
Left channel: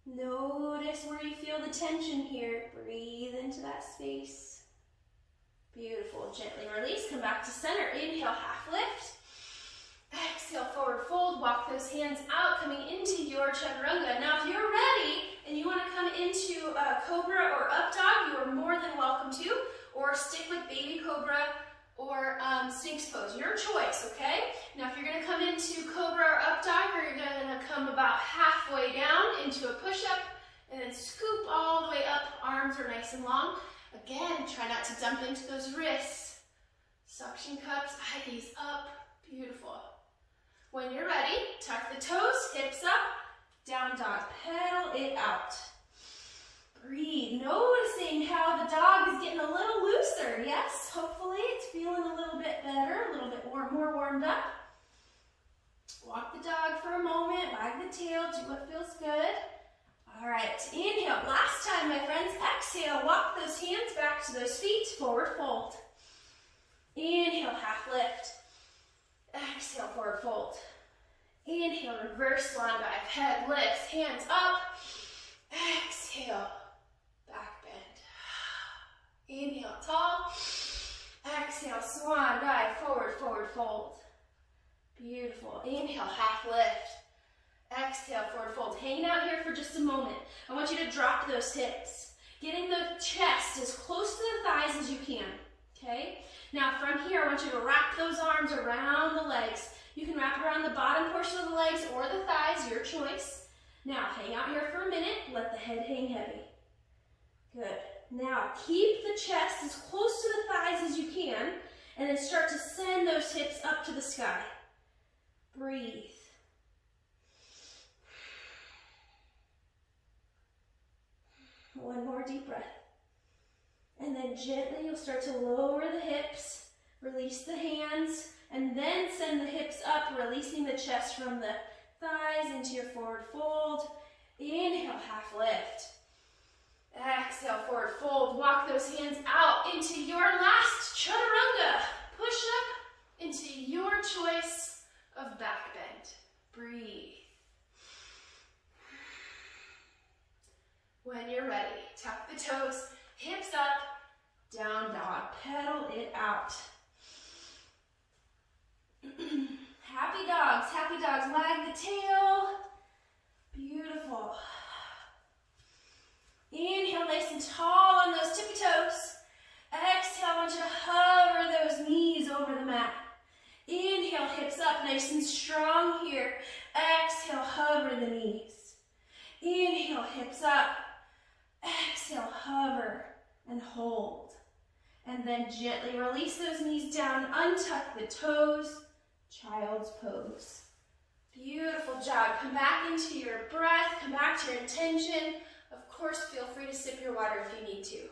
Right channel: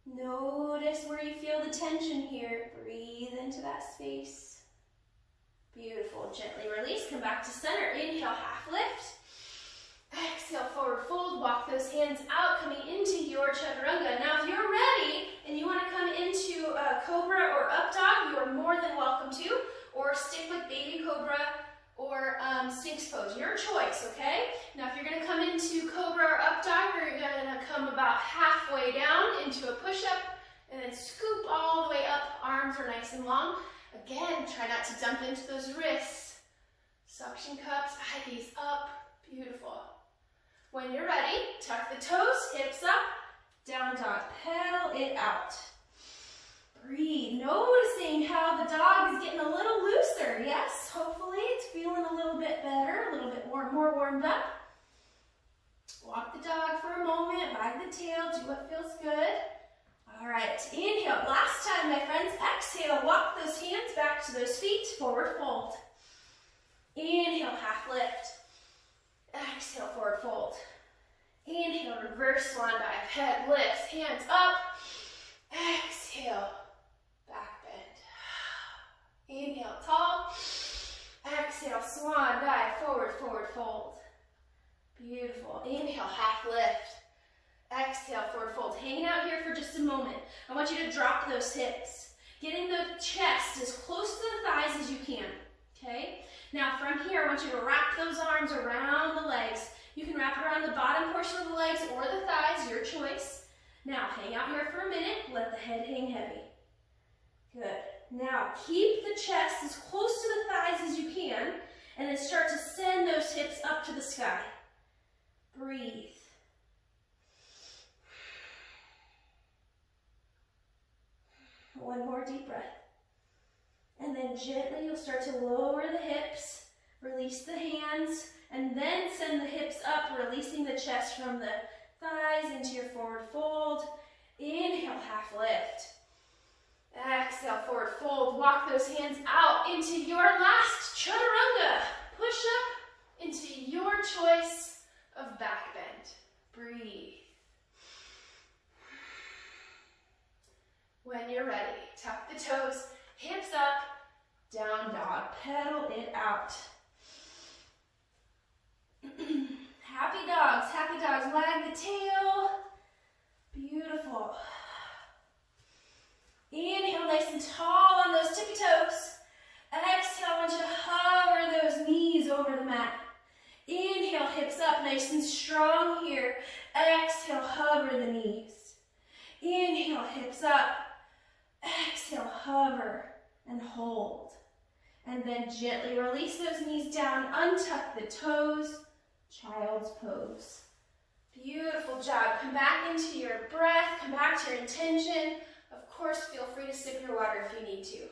Notice where you feel the tension here. Breathe into that space. Beautiful. Gently release. Come back to center. Inhale, half lift. Exhale, forward fold. Walk those hands out, coming into your chaturanga. Now, if you're ready and you want to come into cobra or up dog, you are more than welcome to. Or stick with baby cobra or sphinx pose. Your choice, okay? Now, if you're going to come into cobra or up dog, you're going to come about halfway down into a push-up and then scoop all the way up. Arms are nice and long. Again, try not to dump into those wrists. Suction cups, eye gaze up. Beautiful. When you're ready, tuck the toes, hips up, down dog, pedal it out. Breathe, noticing how the dog is getting a little looser. Yes, hopefully it's feeling a little bit better, a little bit more warmed up. Walk the dog for a moment, wag the tail, do what feels good. All right, inhale, last time, my friends. Exhale, walk those hands back to those feet, forward fold. Inhale, half lift. Exhale, forward fold. Inhale, reverse swan dive. Head lifts, hands up. Exhale, back bend. Inhale, tall. Exhale, swan dive, forward, forward fold. Beautiful. Inhale, half lift. Exhale, forward fold. Hanging out here for just a moment. I want you to drop those hips. Getting the chest as close to the thighs as you can. Okay? Now from here, I want you to wrap those arms around the legs. You can wrap around the bottom portion of the legs or the thighs, your choice. Now hang out here for a minute, let the head hang heavy. Good. Now keep the chest as close to the thighs as you can, and then start to send those hips up to the sky. Breathe. One more deep breath. And then gently you'll start to lower the hips, release the hands, and then send the hips up, releasing the chest from the thighs into your forward fold. Inhale, half lift. Exhale, forward fold. Walk those hands out into your last chaturanga. Push up into your choice of back bend. Breathe. When you're ready, tuck the toes, hips up, down dog, pedal it out. Happy dogs, wag the tail. Beautiful. Inhale, nice and tall on those tippy toes. Exhale, I want you to hover those knees over the mat. Inhale, hips up, nice and strong here. Exhale, hover the knees. Inhale, hips up. Exhale, hover and hold. And then gently release those knees down, untuck the toes, child's pose. Beautiful job. Come back into your breath, come back to your intention. Of course, feel free to sip your water if you need to.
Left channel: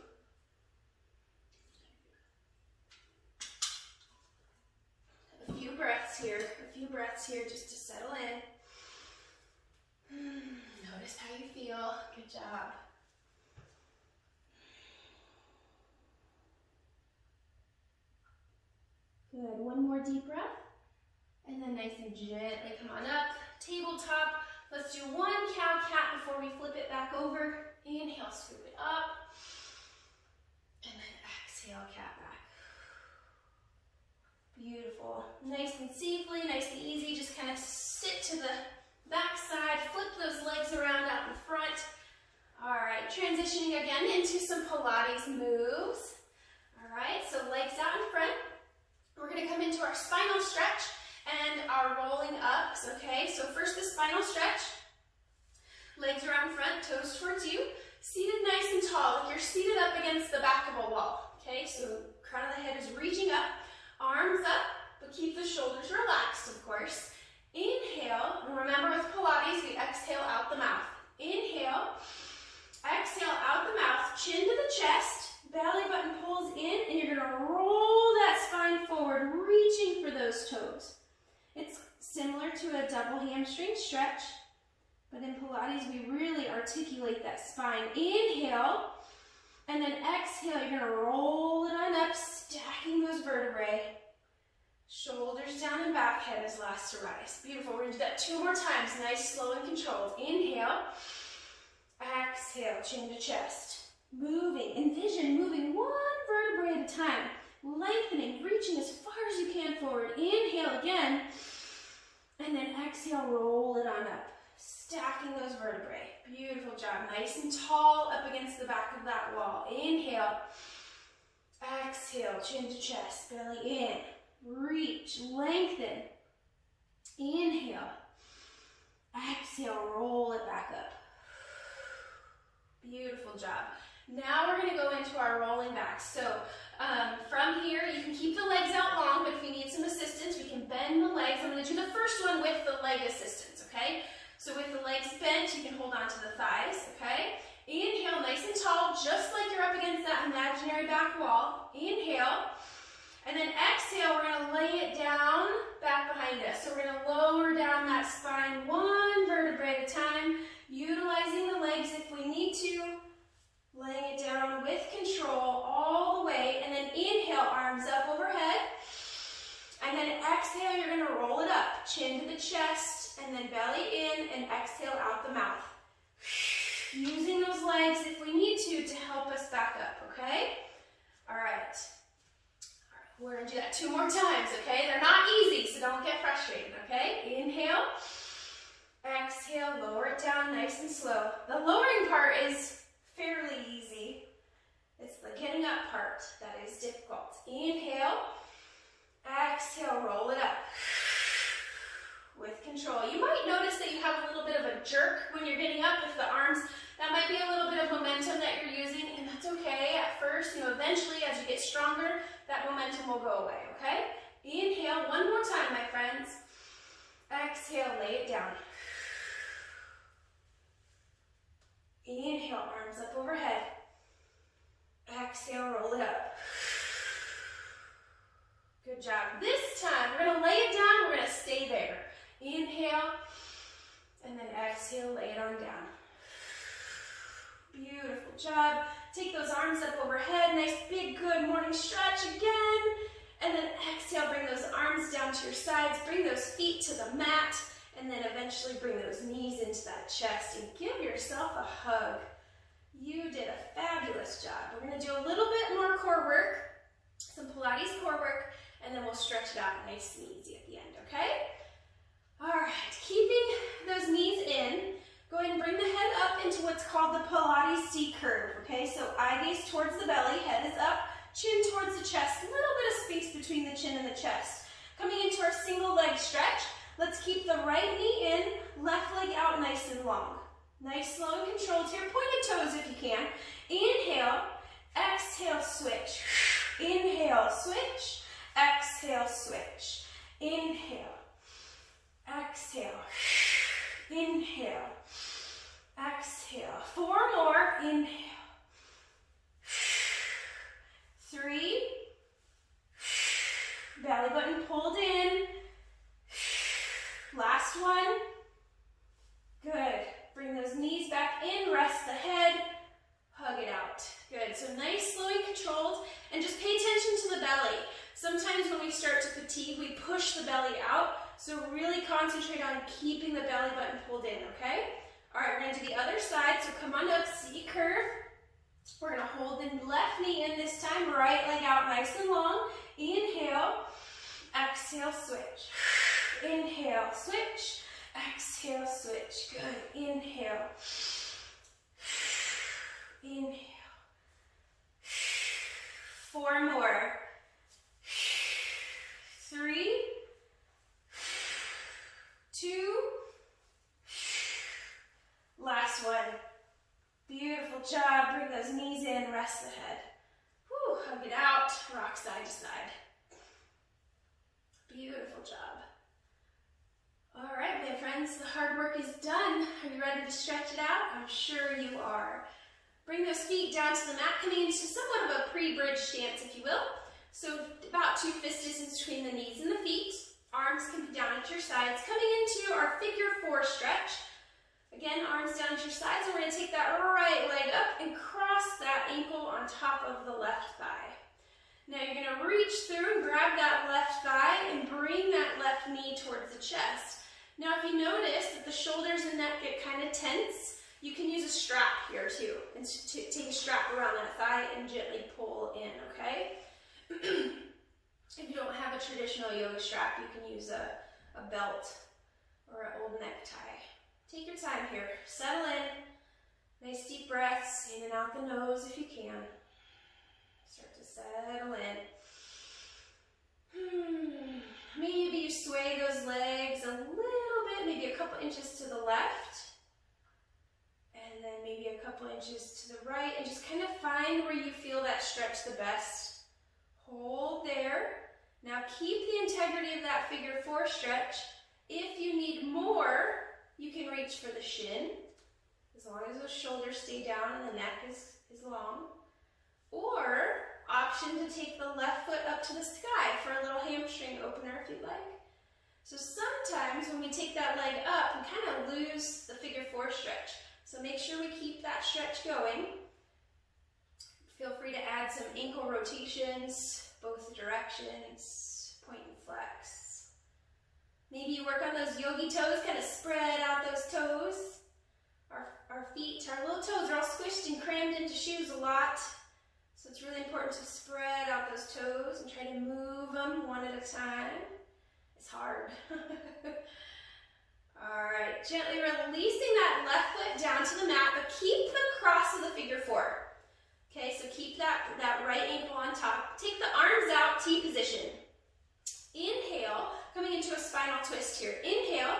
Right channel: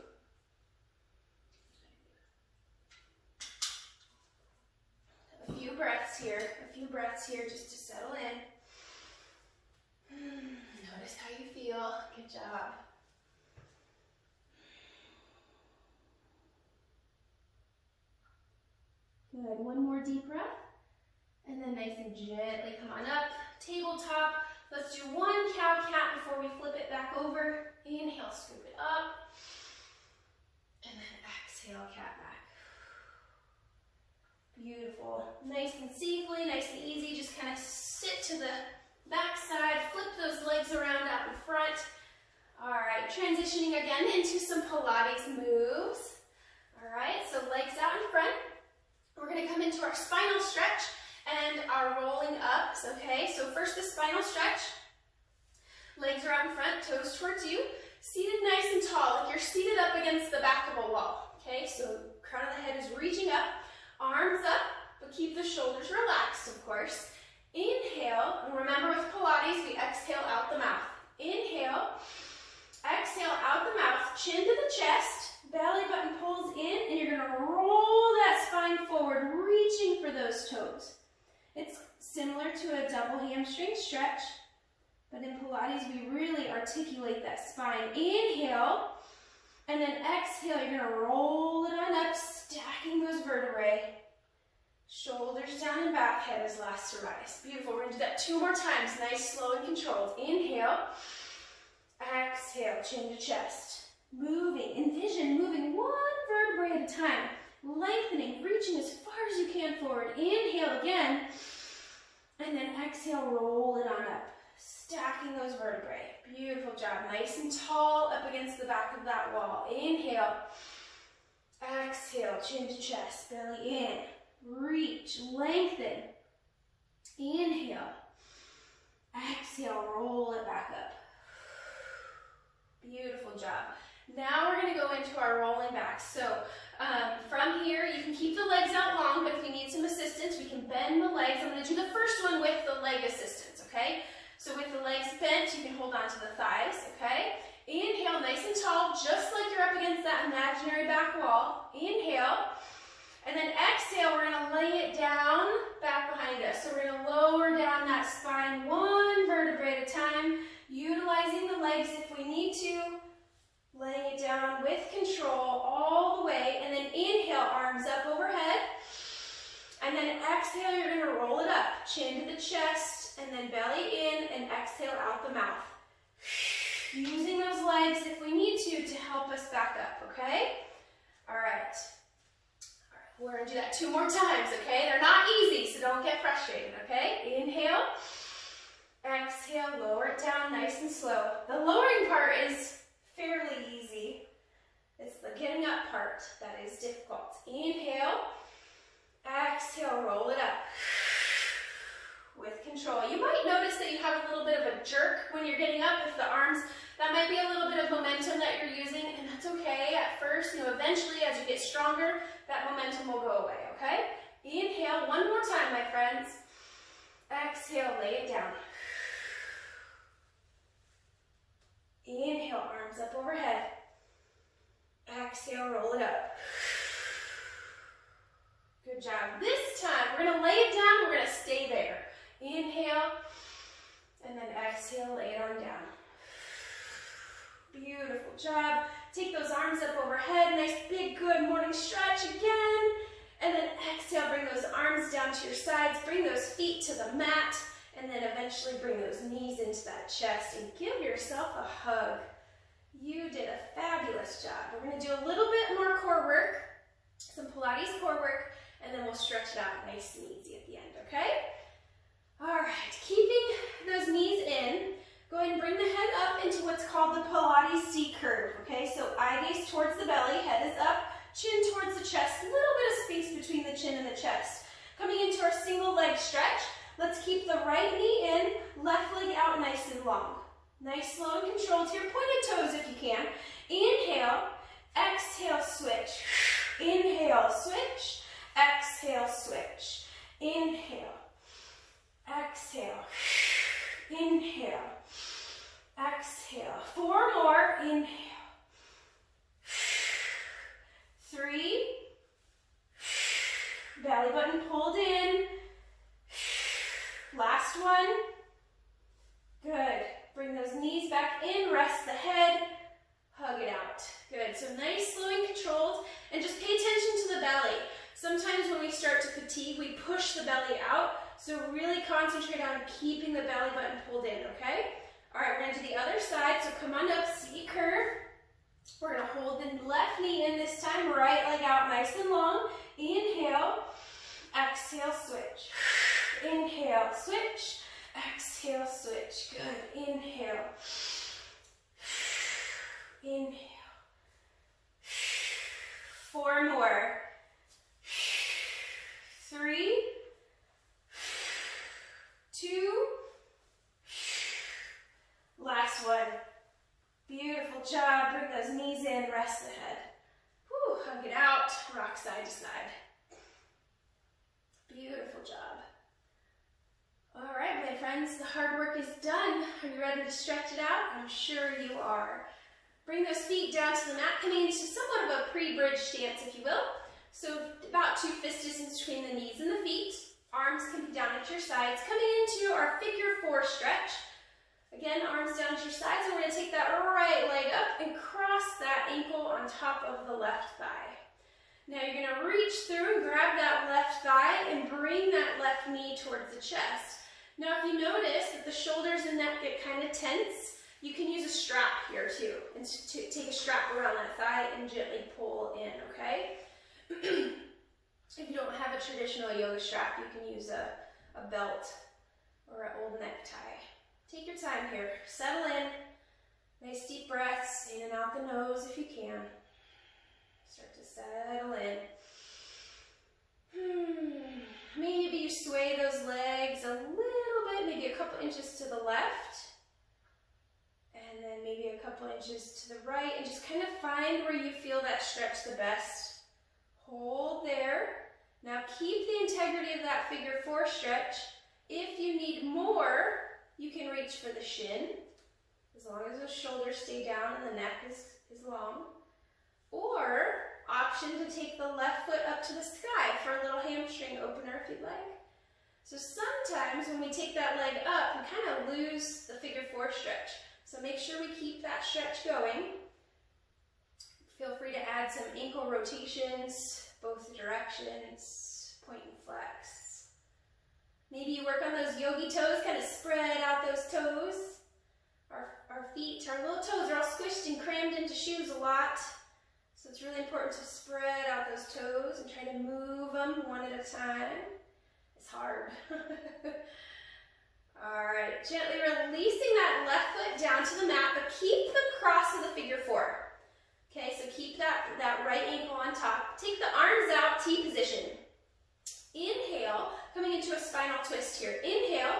A few breaths here just to settle in. Notice how you feel. Good job. Good. One more deep breath. And then nice and gently come on up. Tabletop. Let's do one cow-cat before we flip it back over. Inhale, scoop it up. And then exhale, cat back. Beautiful. Nice and safely, nice and easy. Just kind of sit to the back side. Flip those legs around out in front. All right, transitioning again into some Pilates moves. All right, so legs out in front. We're going to come into our spinal stretch and our rolling ups, okay? So first the spinal stretch. Legs are out in front, toes towards you. Seated nice and tall, like you're seated up against the back of a wall, okay? So crown of the head is reaching up, arms up, but keep the the shoulders relaxed, of course. Inhale, and remember with Pilates, we exhale out the mouth. Inhale, exhale out the mouth, chin to the chest, belly button pulls in, and you're gonna roll that spine forward, reaching for those toes. It's similar to a double hamstring stretch, but in Pilates, we really articulate that spine. Inhale, and then exhale, you're gonna roll it on up, stacking those vertebrae. Shoulders down and back, head is last to rise. Beautiful, we're gonna do that 2 more times, nice, slow, and controlled. Inhale, exhale, chin to chest. Moving, envision moving 1 vertebrae at a time, lengthening, reaching as far as you can forward. Inhale again, and then exhale, roll it on up, stacking those vertebrae. Beautiful job, nice and tall up against the back of that wall. Inhale, exhale, chin to chest, belly in. Reach, lengthen. Inhale. Exhale, roll it back up. Beautiful job. Now we're going to go into our rolling back. So from here, you can keep the legs out long, but if you need some assistance, we can bend the legs. I'm going to do the first one with the leg assistance, okay? So with the legs bent, you can hold on to the thighs, okay? Inhale, nice and tall, just like you're up against that imaginary back wall. Inhale. And then exhale, we're going to lay it down back behind us. So we're going to lower down that spine 1 vertebrae at a time, utilizing the legs if we need to, laying it down with control all the way. And then inhale, arms up overhead. And then exhale, you're going to roll it up, chin to the chest, and then belly in, and exhale out the mouth. Using those legs if we need to help us back up, okay? All right. We're going to do that 2 more times, okay? They're not easy, so don't get frustrated, okay? Inhale, exhale, lower it down nice and slow. The lowering part is fairly easy. It's the getting up part that is difficult. Inhale, exhale, roll it up with control. You might notice that you have a little bit of a jerk when you're getting up with the arms. That might be a little bit of momentum that you're using, and that's okay at first. Eventually, as you get stronger, that momentum will go away, okay? Inhale 1 more time, my friends. Exhale, lay it down. Inhale, arms up overhead. Exhale, roll it up. Good job. This time, we're going to lay it down. We're going to stay there. Inhale, and then exhale, lay it on down. Beautiful job. Take those arms up overhead. Nice, big, good morning stretch again. And then exhale, bring those arms down to your sides. Bring those feet to the mat. And then eventually bring those knees into that chest and give yourself a hug. You did a fabulous job. We're going to do a little bit more core work, some Pilates core work, and then we'll stretch it out nice and easy at the end, okay? All right, keeping those knees in, go ahead and bring the head up into what's called the Pilates C curve, okay? So eye gaze towards the belly, head is up, chin towards the chest, a little bit of space between the chin and the chest. Coming into our single leg stretch, let's keep the right knee in, left leg out nice and long. Nice, slow, and controlled to your pointed toes if you can. Inhale, exhale, switch. Inhale, switch. Exhale, switch. Inhale, exhale, inhale, exhale. 4 more, inhale. 3, belly button pulled in. Last one. Good. Bring those knees back in, rest the head, hug it out. Good. So nice, slow, and controlled. And just pay attention to the belly. Sometimes when we start to fatigue, we push the belly out. So really concentrate on keeping the belly button pulled in, okay? All right, we're going to do the other side. So come on up, C curve. We're going to hold the left knee in this time, right leg out nice and long. Inhale, exhale, switch. Inhale, switch. Exhale, switch. Good. Inhale. Inhale. 4 more. 3, 2, last one. Beautiful job. Bring those knees in, rest the head. Whew, hug it out, rock side to side. Beautiful job. All right, my friends, the hard work is done. Are you ready to stretch it out? I'm sure you are. Bring those feet down to the mat, coming into somewhat of a pre-bridge stance, if you will. So about 2 fist distance between the knees and the feet. Arms can be down at your sides. Coming into our figure 4 stretch. Again, arms down at your sides, and we're going to take that right leg up and cross that ankle on top of the left thigh. Now you're going to reach through and grab that left thigh and bring that left knee towards the chest. Now if you notice that the shoulders and neck get kind of tense, you can use a strap here too. And take a strap around that thigh and gently pull in, okay? If you don't have a traditional yoga strap, you can use a belt or an old necktie. Take your time here. Settle in. Nice deep breaths in and out the nose if you can. Start to settle in. Maybe you sway those legs a little bit, maybe a couple inches to the left. And then maybe a couple inches to the right. And just kind of find where you feel that stretch the best. Hold there. Now keep the integrity of that figure 4 stretch. If you need more, you can reach for the shin, as long as the shoulders stay down and the neck is long. Or, option to take the left foot up to the sky for a little hamstring opener if you'd like. So sometimes when we take that leg up, we kind of lose the figure 4 stretch. So make sure we keep that stretch going. Feel free to add some ankle rotations, both directions, point and flex. Maybe you work on those yogi toes, kind of spread out those toes. Our feet, our little toes are all squished and crammed into shoes a lot. So it's really important to spread out those toes and try to move them one at a time. It's hard. All right, gently releasing that left foot down to the mat, but keep the cross of the figure 4. Okay, so keep that right ankle on top. Take the arms out, T position. Inhale, coming into a spinal twist here. Inhale,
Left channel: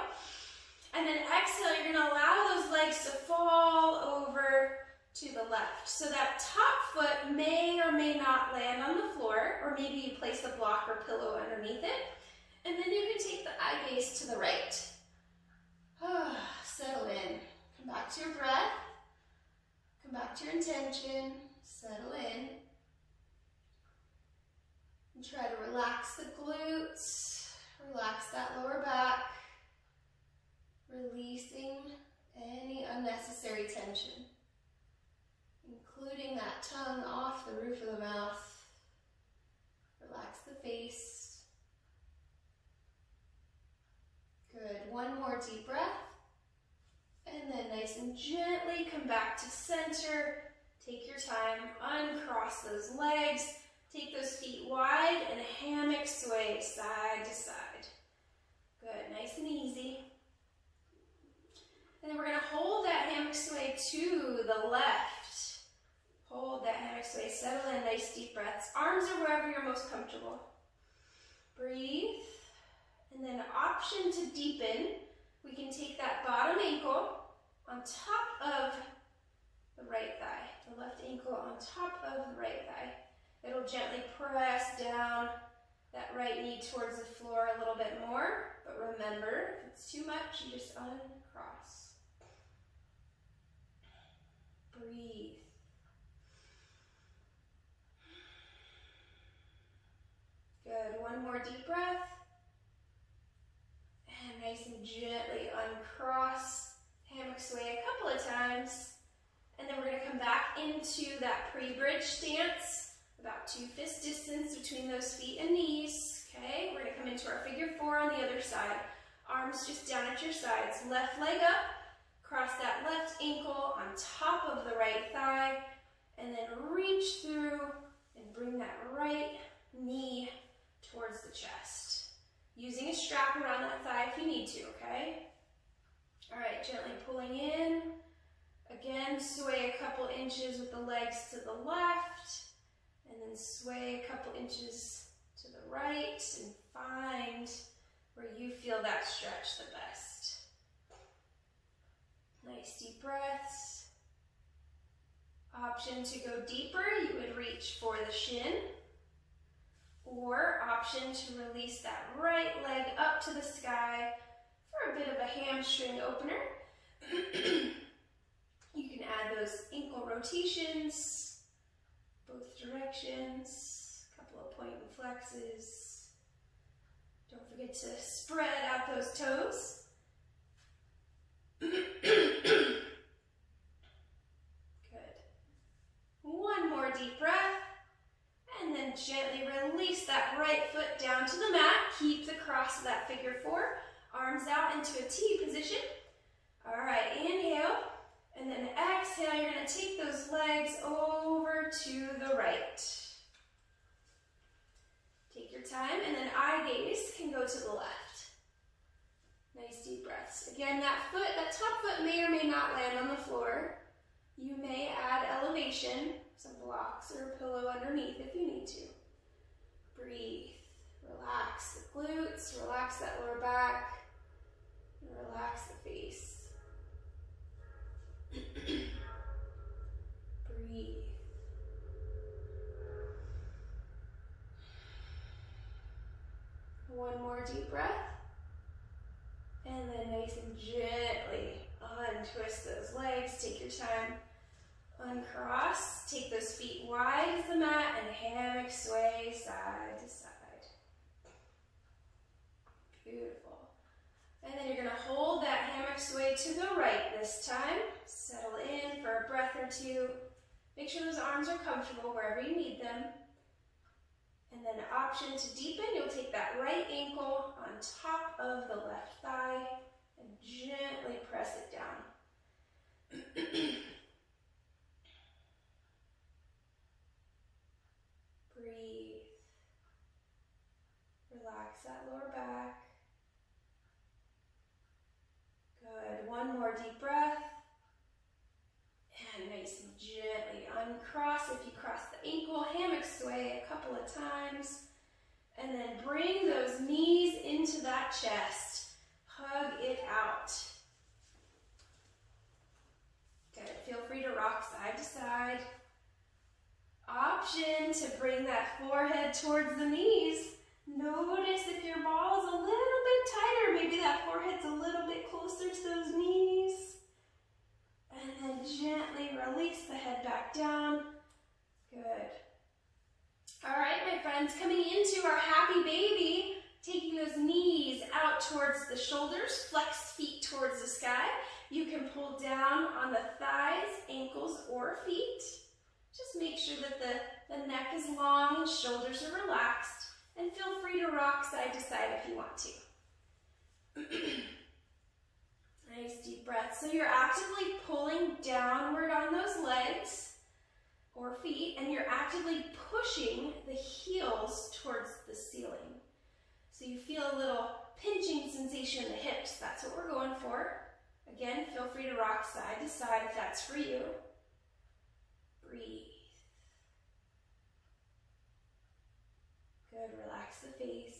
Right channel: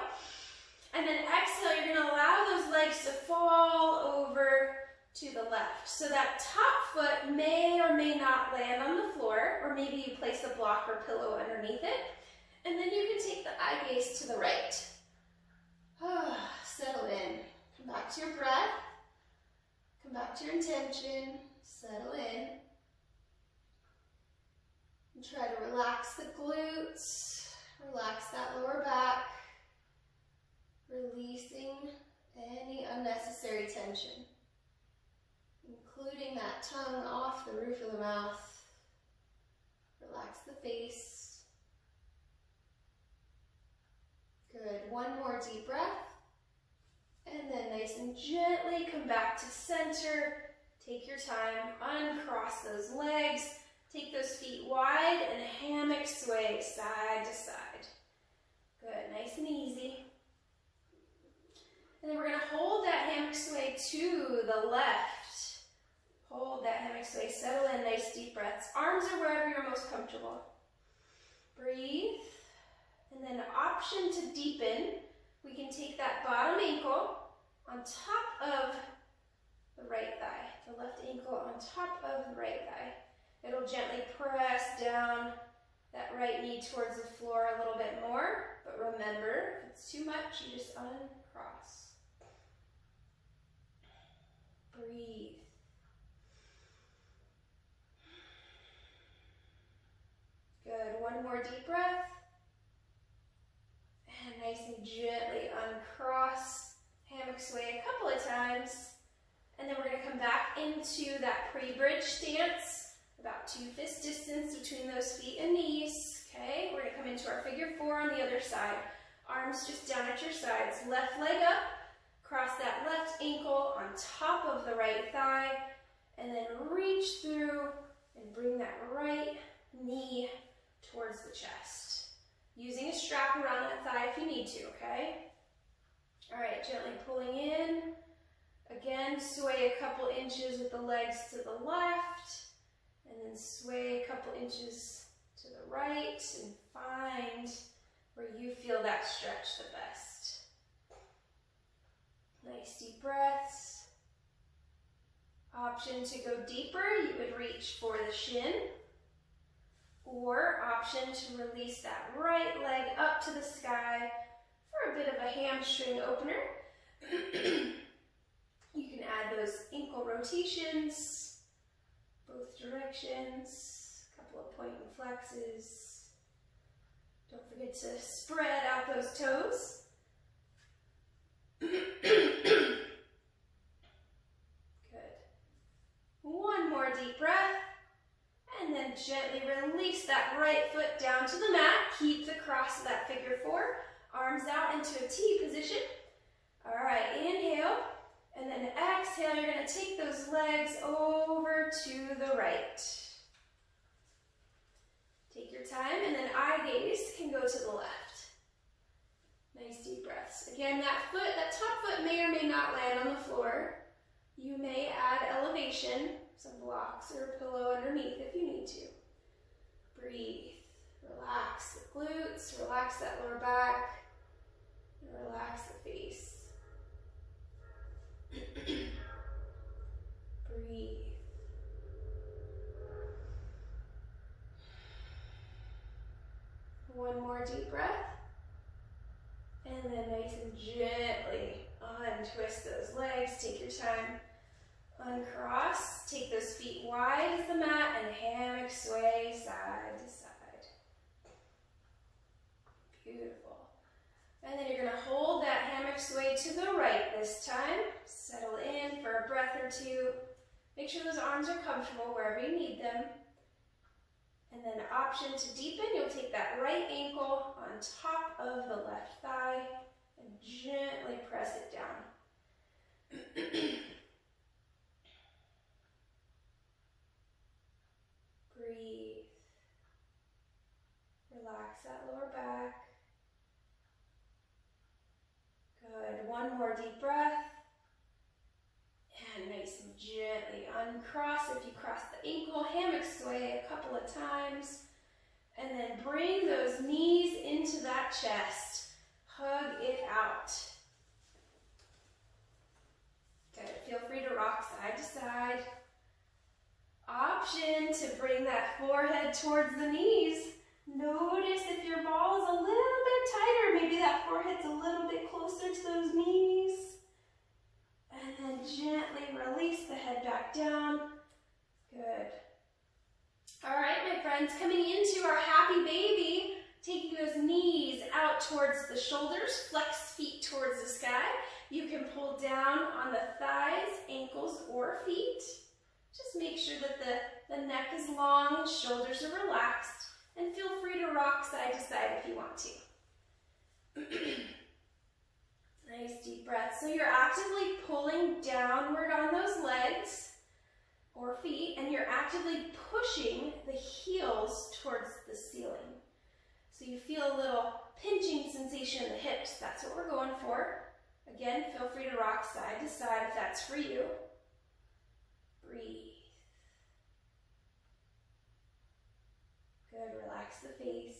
and then exhale, you're going to allow those legs to fall over to the left. So that top foot may or may not land on the floor, or maybe you place a block or pillow underneath it. And then you can take the eye gaze to the right. Settle in. Come back to your breath. Come back to your intention. Settle in. And try to relax the glutes. Relax that lower back. Releasing any unnecessary tension, including that tongue off the roof of the mouth. Relax the face. Good. One more deep breath. And then nice and gently come back to center. Take your time. Uncross those legs. Take those feet wide and hammock sway side to side. Good. Nice and easy. And then we're going to hold that hammock sway to the left. Hold that hammock sway. Settle in. Nice deep breaths. Arms are wherever you're most comfortable. Breathe. And then option to deepen. We can take that bottom ankle on top of the right thigh. The left ankle on top of the right thigh. It'll gently press down that right knee towards the floor a little bit more. But remember, if it's too much, you just uncross. Breathe. Good. One more deep breath. And nice and gently uncross. Hammock sway a couple of times. And then we're going to come back into that pre-bridge stance. About 2 fist distance between those feet and knees. Okay, we're going to come into our figure 4 on the other side. Arms just down at your sides. Left leg up. Cross that left ankle on top of the right thigh. And then reach through and bring that right knee towards the chest. Using a strap around that thigh if you need to, okay? All right, gently pulling in. Again, sway a couple inches with the legs to the left. And then sway a couple inches to the right and find where you feel that stretch the best. Nice deep breaths. Option to go deeper, you would reach for the shin. Or option to release that right leg up to the sky for a bit of a hamstring opener. You can add those ankle rotations, both directions, a couple of point and flexes. Don't forget to spread out those toes. Good. One more deep breath. And then gently release that right foot down to the mat. Keep the cross of that figure four. Arms out into a T position. All right, inhale. And then exhale, you're going to take those legs over to the right. Take your time, and then eye gaze can go to the left. Nice deep breaths. Again, that top foot may or may not land on the floor. You may add elevation, some blocks or a pillow underneath if you need to. Breathe. Relax the glutes, relax that lower back, and relax the face. Breathe. One more deep breath. And then nice and gently untwist those legs. Take your time. Uncross. Take those feet wide as the mat and hammock sway side to side. Beautiful. And then you're going to hold that hammock sway to the right this time. Settle in for a breath or two. Make sure those arms are comfortable wherever you need them. And then option to deepen, you'll take that right ankle on top of the left thigh and gently press it down. Breathe. Relax that lower back. Good. One more deep breath. And nice and gently uncross. If you cross the ankle, hammock sway a couple of times. And then bring those knees into that chest. Hug it out. Good. Feel free to rock side to side. Option to bring that forehead towards the knees. Notice if your ball is a little bit tighter, maybe that forehead's a little bit closer to those knees. And then gently release the head back down. Good. All right, my friends, coming into our happy baby, taking those knees out towards the shoulders, flex feet towards the sky. You can pull down on the thighs, ankles, or feet. Just make sure that the neck is long and shoulders are relaxed. And feel free to rock side to side if you want to. Nice deep breath. So you're actively pulling downward on those legs or feet, and you're actively pushing the heels towards the ceiling. So you feel a little pinching sensation in the hips. That's what we're going for. Again, feel free to rock side to side if that's for you. Breathe. Good, relax the face.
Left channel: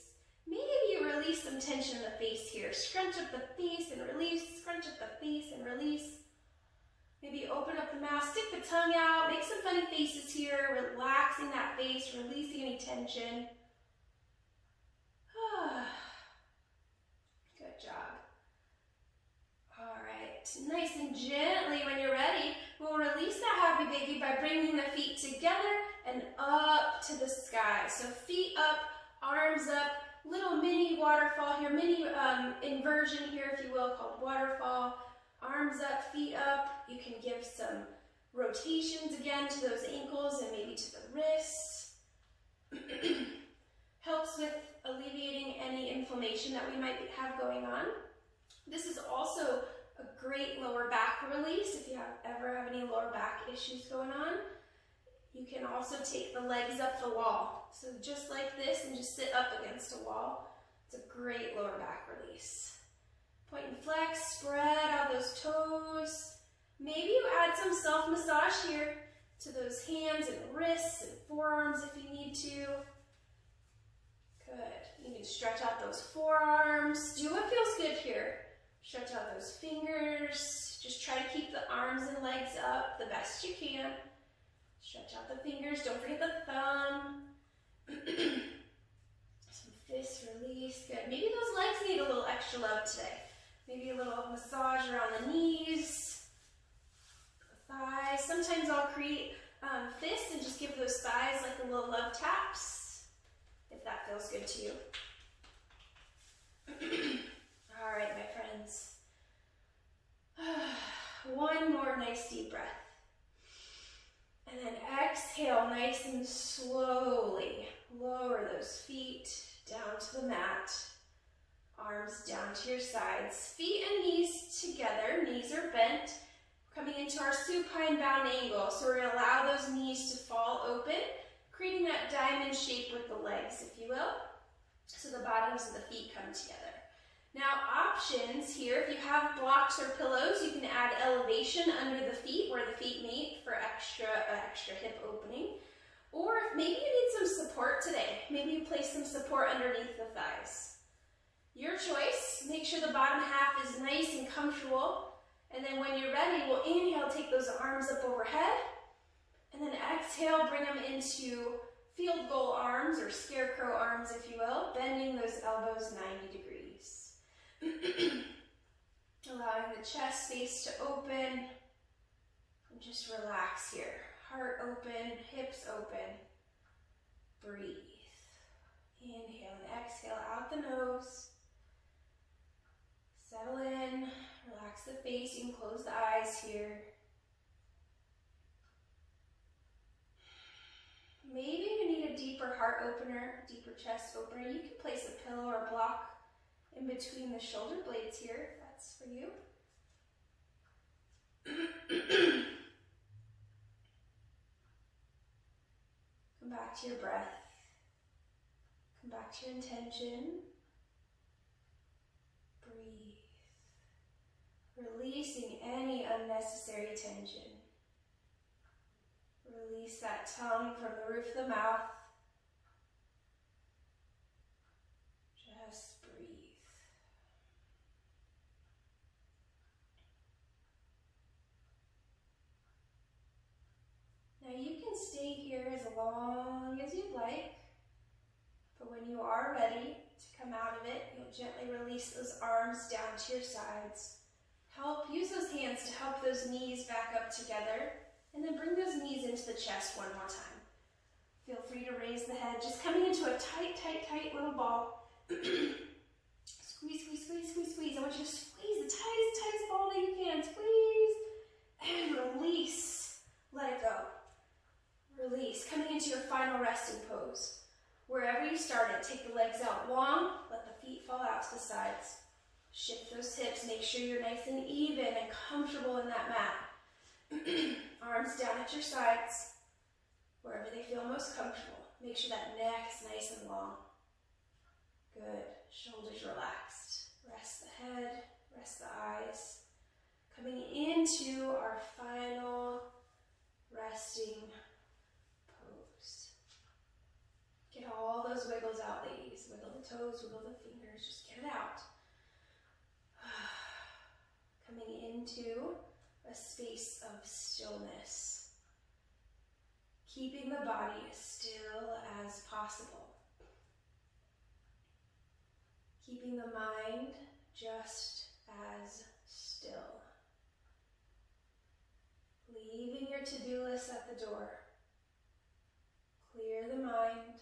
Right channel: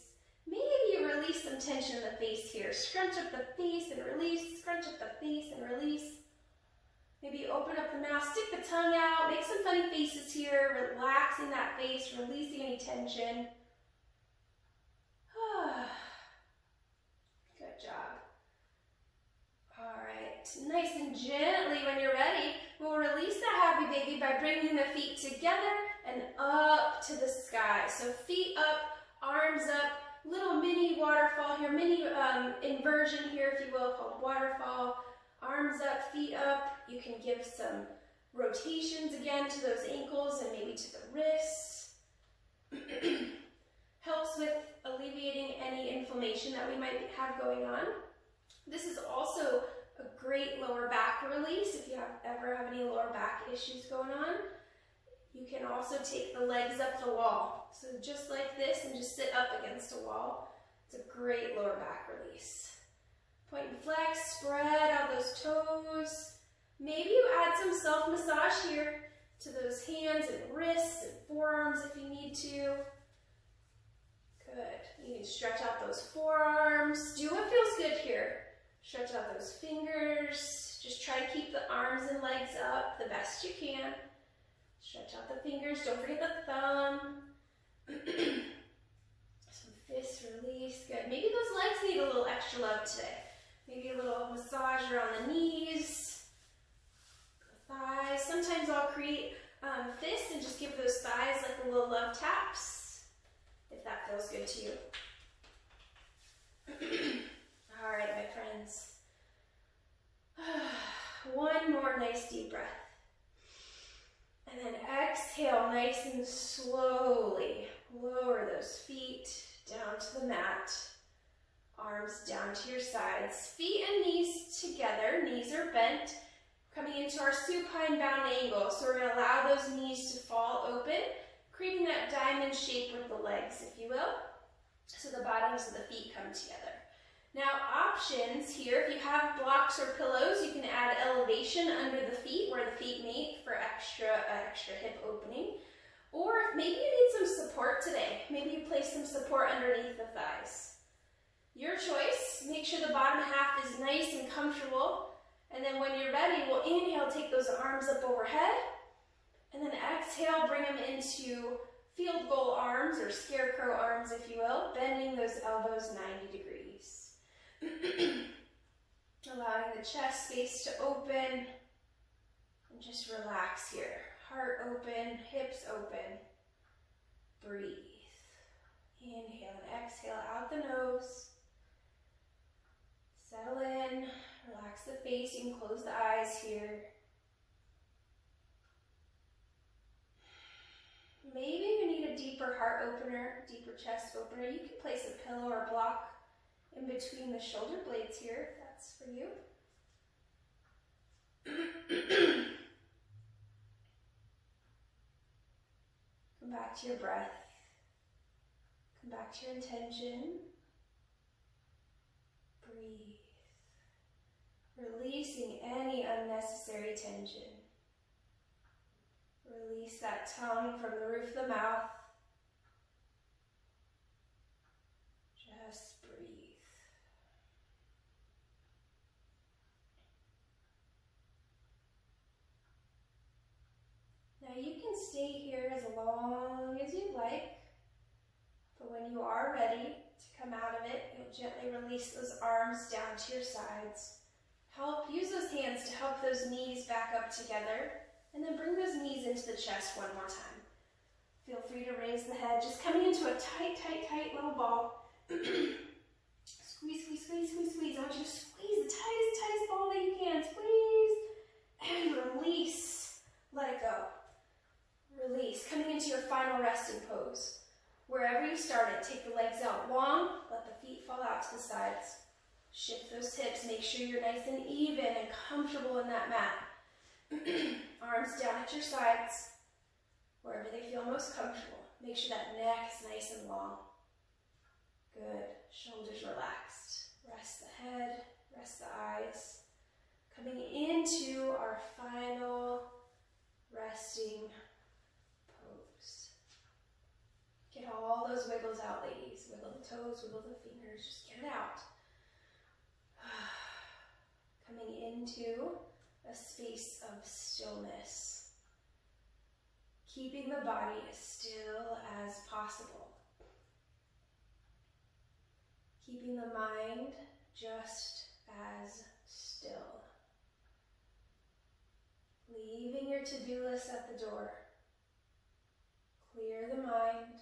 Maybe you release some tension in the face here. Scrunch up the face and release, scrunch up the face and release. Maybe open up the mouth, stick the tongue out, make some funny faces here, relaxing that face, releasing any tension. Good job. All right, nice and gently when you're ready, we'll release that happy baby by bringing the feet together and up to the sky. So feet up, arms up, little mini waterfall here, mini inversion here, if you will, called waterfall. Arms up, feet up. You can give some rotations again to those ankles and maybe to the wrists. Helps with alleviating any inflammation that we might have going on. This is also a great lower back release if you ever have any lower back issues going on. You can also take the legs up the wall. So just like this and just sit up against a wall. It's a great lower back release. Point and flex, spread out those toes. Maybe you add some self-massage here to those hands and wrists and forearms if you need to. Good. You can stretch out those forearms. Do what feels good here. Stretch out those fingers. Just try to keep the arms and legs up the best you can. Stretch out the fingers. Don't forget the thumb. Fist release, good. Maybe those legs need a little extra love today. Maybe a little massage around the knees, the thighs. Sometimes I'll create fists and just give those thighs like a little love taps, if that feels good to you. All right, my friends. One more nice deep breath. And then exhale nice and slowly. Lower those feet down to the mat. Arms down to your sides. Feet and knees together. Knees are bent. Coming into our supine bound angle. So we're going to allow those knees to fall open, creating that diamond shape with the legs, if you will. So the bottoms of the feet come together. Now options here, if you have blocks or pillows, you can add elevation under the feet where the feet meet for extra hip opening. Or maybe you need some support today. Maybe you place some support underneath the thighs. Your choice. Make sure the bottom half is nice and comfortable. And then when you're ready, we'll inhale, take those arms up overhead. And then exhale, bring them into field goal arms or scarecrow arms, if you will, bending those elbows 90 degrees. Allowing the chest space to open and just relax here. Heart open, hips open. Breathe. Inhale and exhale out the nose. Settle in, relax the face. You can close the eyes here. Maybe you need a deeper heart opener, deeper chest opener. You can place a pillow or block in between the shoulder blades here, if that's for you. Come back to your breath. Come back to your intention. Breathe. Releasing any unnecessary tension. Release that tongue from the roof of the mouth. Just breathe. Now you can stay here as long as you'd like, but when you are ready to come out of it, you'll gently release those arms down to your sides. Use those hands to help those knees back up together, and then bring those knees into the chest one more time. Feel free to raise the head, just coming into a tight, tight, tight little ball. Squeeze, squeeze, squeeze, squeeze, squeeze. I want you to squeeze the tightest, tightest ball that you can. Squeeze and release. Let it go. Release. Coming into your final resting pose. Wherever you started, take the legs out long. Let the feet fall out to the sides. Shift those hips. Make sure you're nice and even and comfortable in that mat. Arms down at your sides. Wherever they feel most comfortable. Make sure that neck is nice and long. Good. Shoulders relaxed. Rest the head. Rest the eyes. Coming into our final resting pose. Get all those wiggles out, ladies. Wiggle the toes, wiggle the fingers. Just get it out. Coming into a space of stillness. Keeping the body as still as possible. Keeping the mind just as still. Leaving your to-do list at the door. Clear the mind.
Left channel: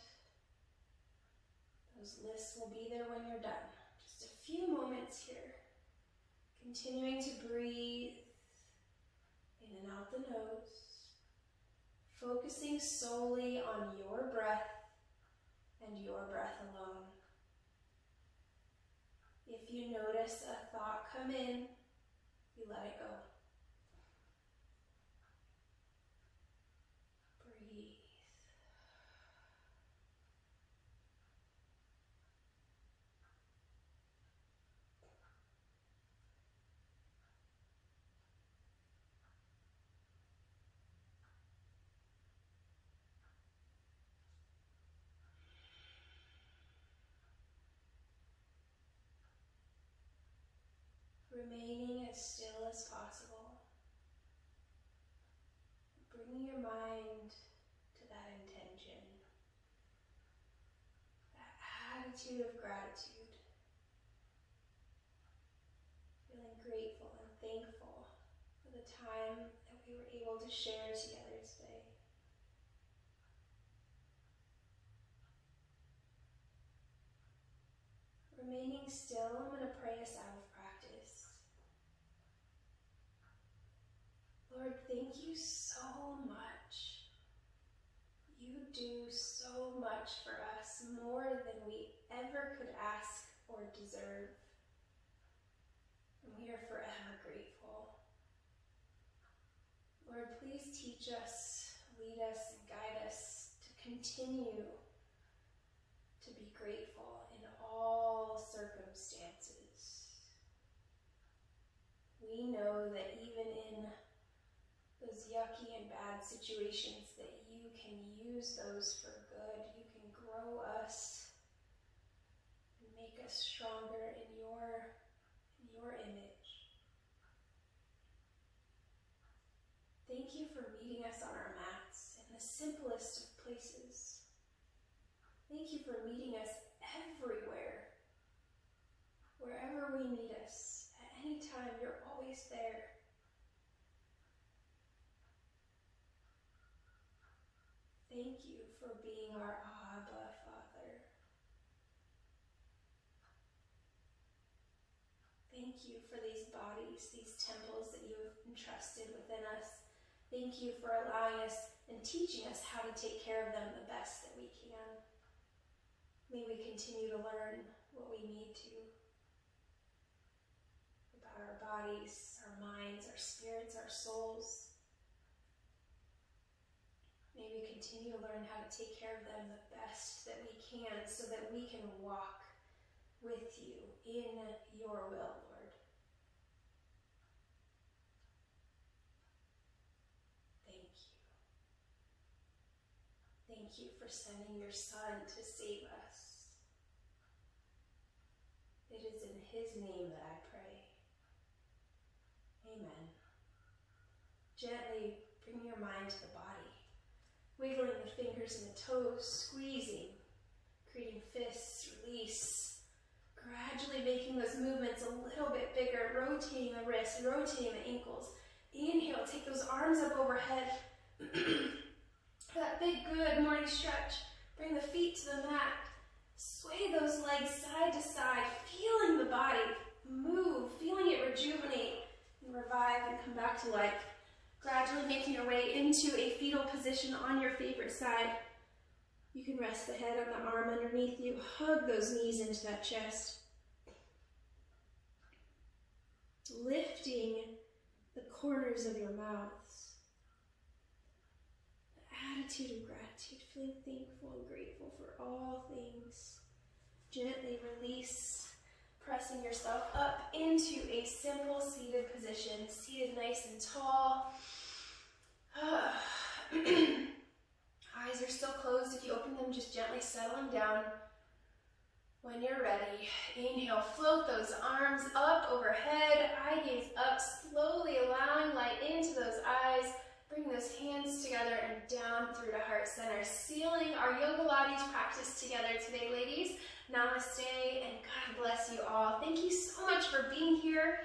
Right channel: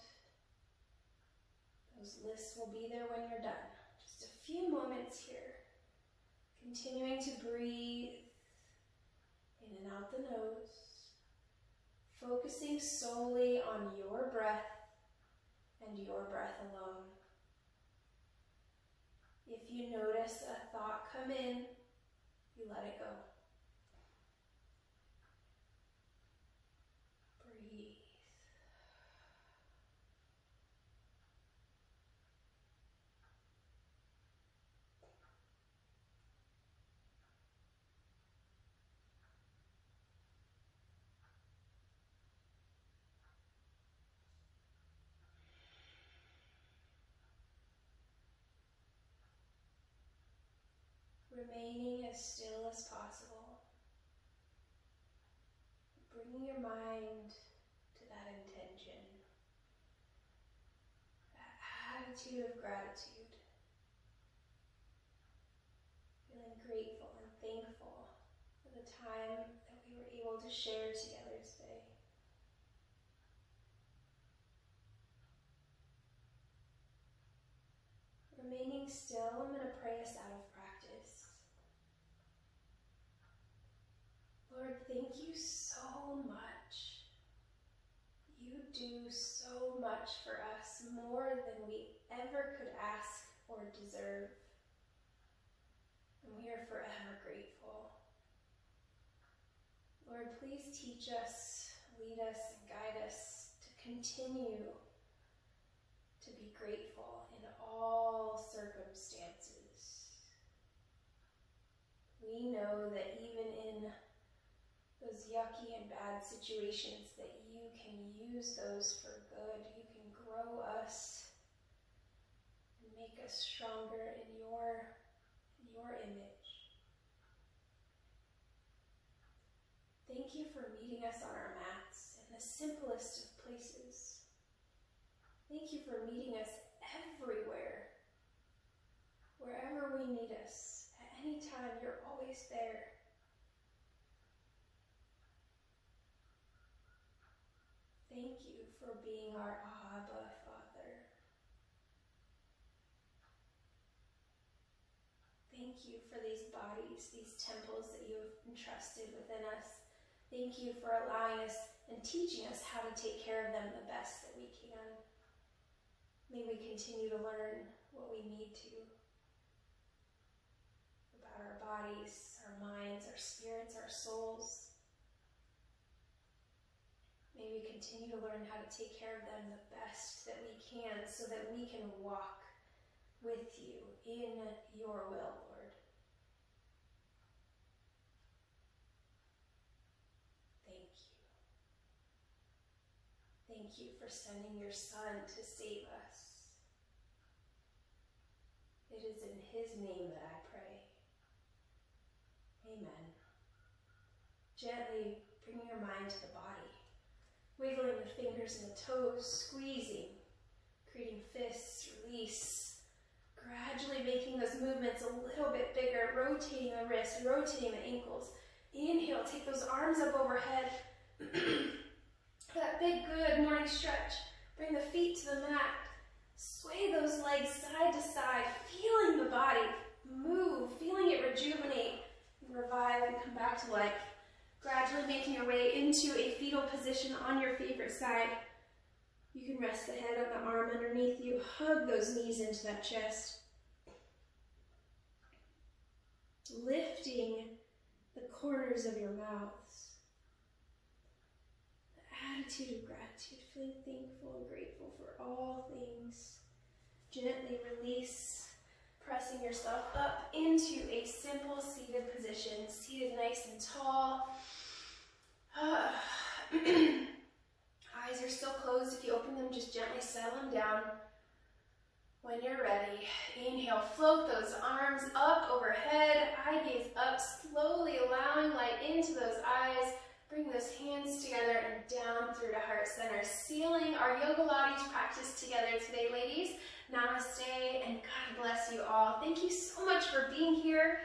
Those lists will be there when you're done. Just a few moments here. Continuing to breathe in and out the nose. Focusing solely on your breath and your breath alone. If you notice a thought come in, you let it go. Breathe. Remaining as still as possible. Bringing your mind to that intention. That attitude of gratitude. Feeling grateful and thankful for the time that we were able to share together today. Remaining still, I'm going to pray us out of practice. Lord, thank you so much. You do so much for us, more than we ever could ask or deserve. And we are forever grateful. Lord, please teach us, lead us, and guide us to continue to be grateful in all circumstances. We know that even in those yucky and bad situations, that you can use those for good. You can grow us and make us stronger in your image. Thank you for meeting us on our mats in the simplest of places. Thank you for meeting us everywhere. Wherever we need us, at any time, you're always there. Thank you for being our Abba Father. Thank you for these bodies, these temples that you have entrusted within us. Thank you for allowing us and teaching us how to take care of them the best that we can. May we continue to learn what we need to about our bodies, our minds, our spirits, our souls. May we continue to learn how to take care of them the best that we can, so that we can walk with you in your will, Lord. Thank you. Thank you for sending your Son to save us. It is in his name that I pray. Amen. Gently bring your mind to the body, wiggling the fingers and the toes, squeezing, creating fists, release, gradually making those movements a little bit bigger, rotating the wrists, rotating the ankles. Inhale, take those arms up overhead. That big, good morning stretch. Bring the feet to the mat. Sway those legs side to side, feeling the body move, feeling it rejuvenate and revive and come back to life. Gradually making your way into a fetal position on your favorite side. You can rest the head on the arm underneath you. Hug those knees into that chest. Lifting the corners of your mouths. The attitude of gratitude, feeling thankful and grateful for all things. Gently release, pressing yourself up into a simple seated position, seated nice and tall. Eyes are still closed. If you open them, just gently settle them down. When you're ready, inhale, float those arms up overhead, eye gaze up, slowly allowing light into those eyes. Bring those hands together and down through to heart center, sealing our YOGAlates practice together today, ladies. Namaste, and God bless you all. Thank you so much for being here.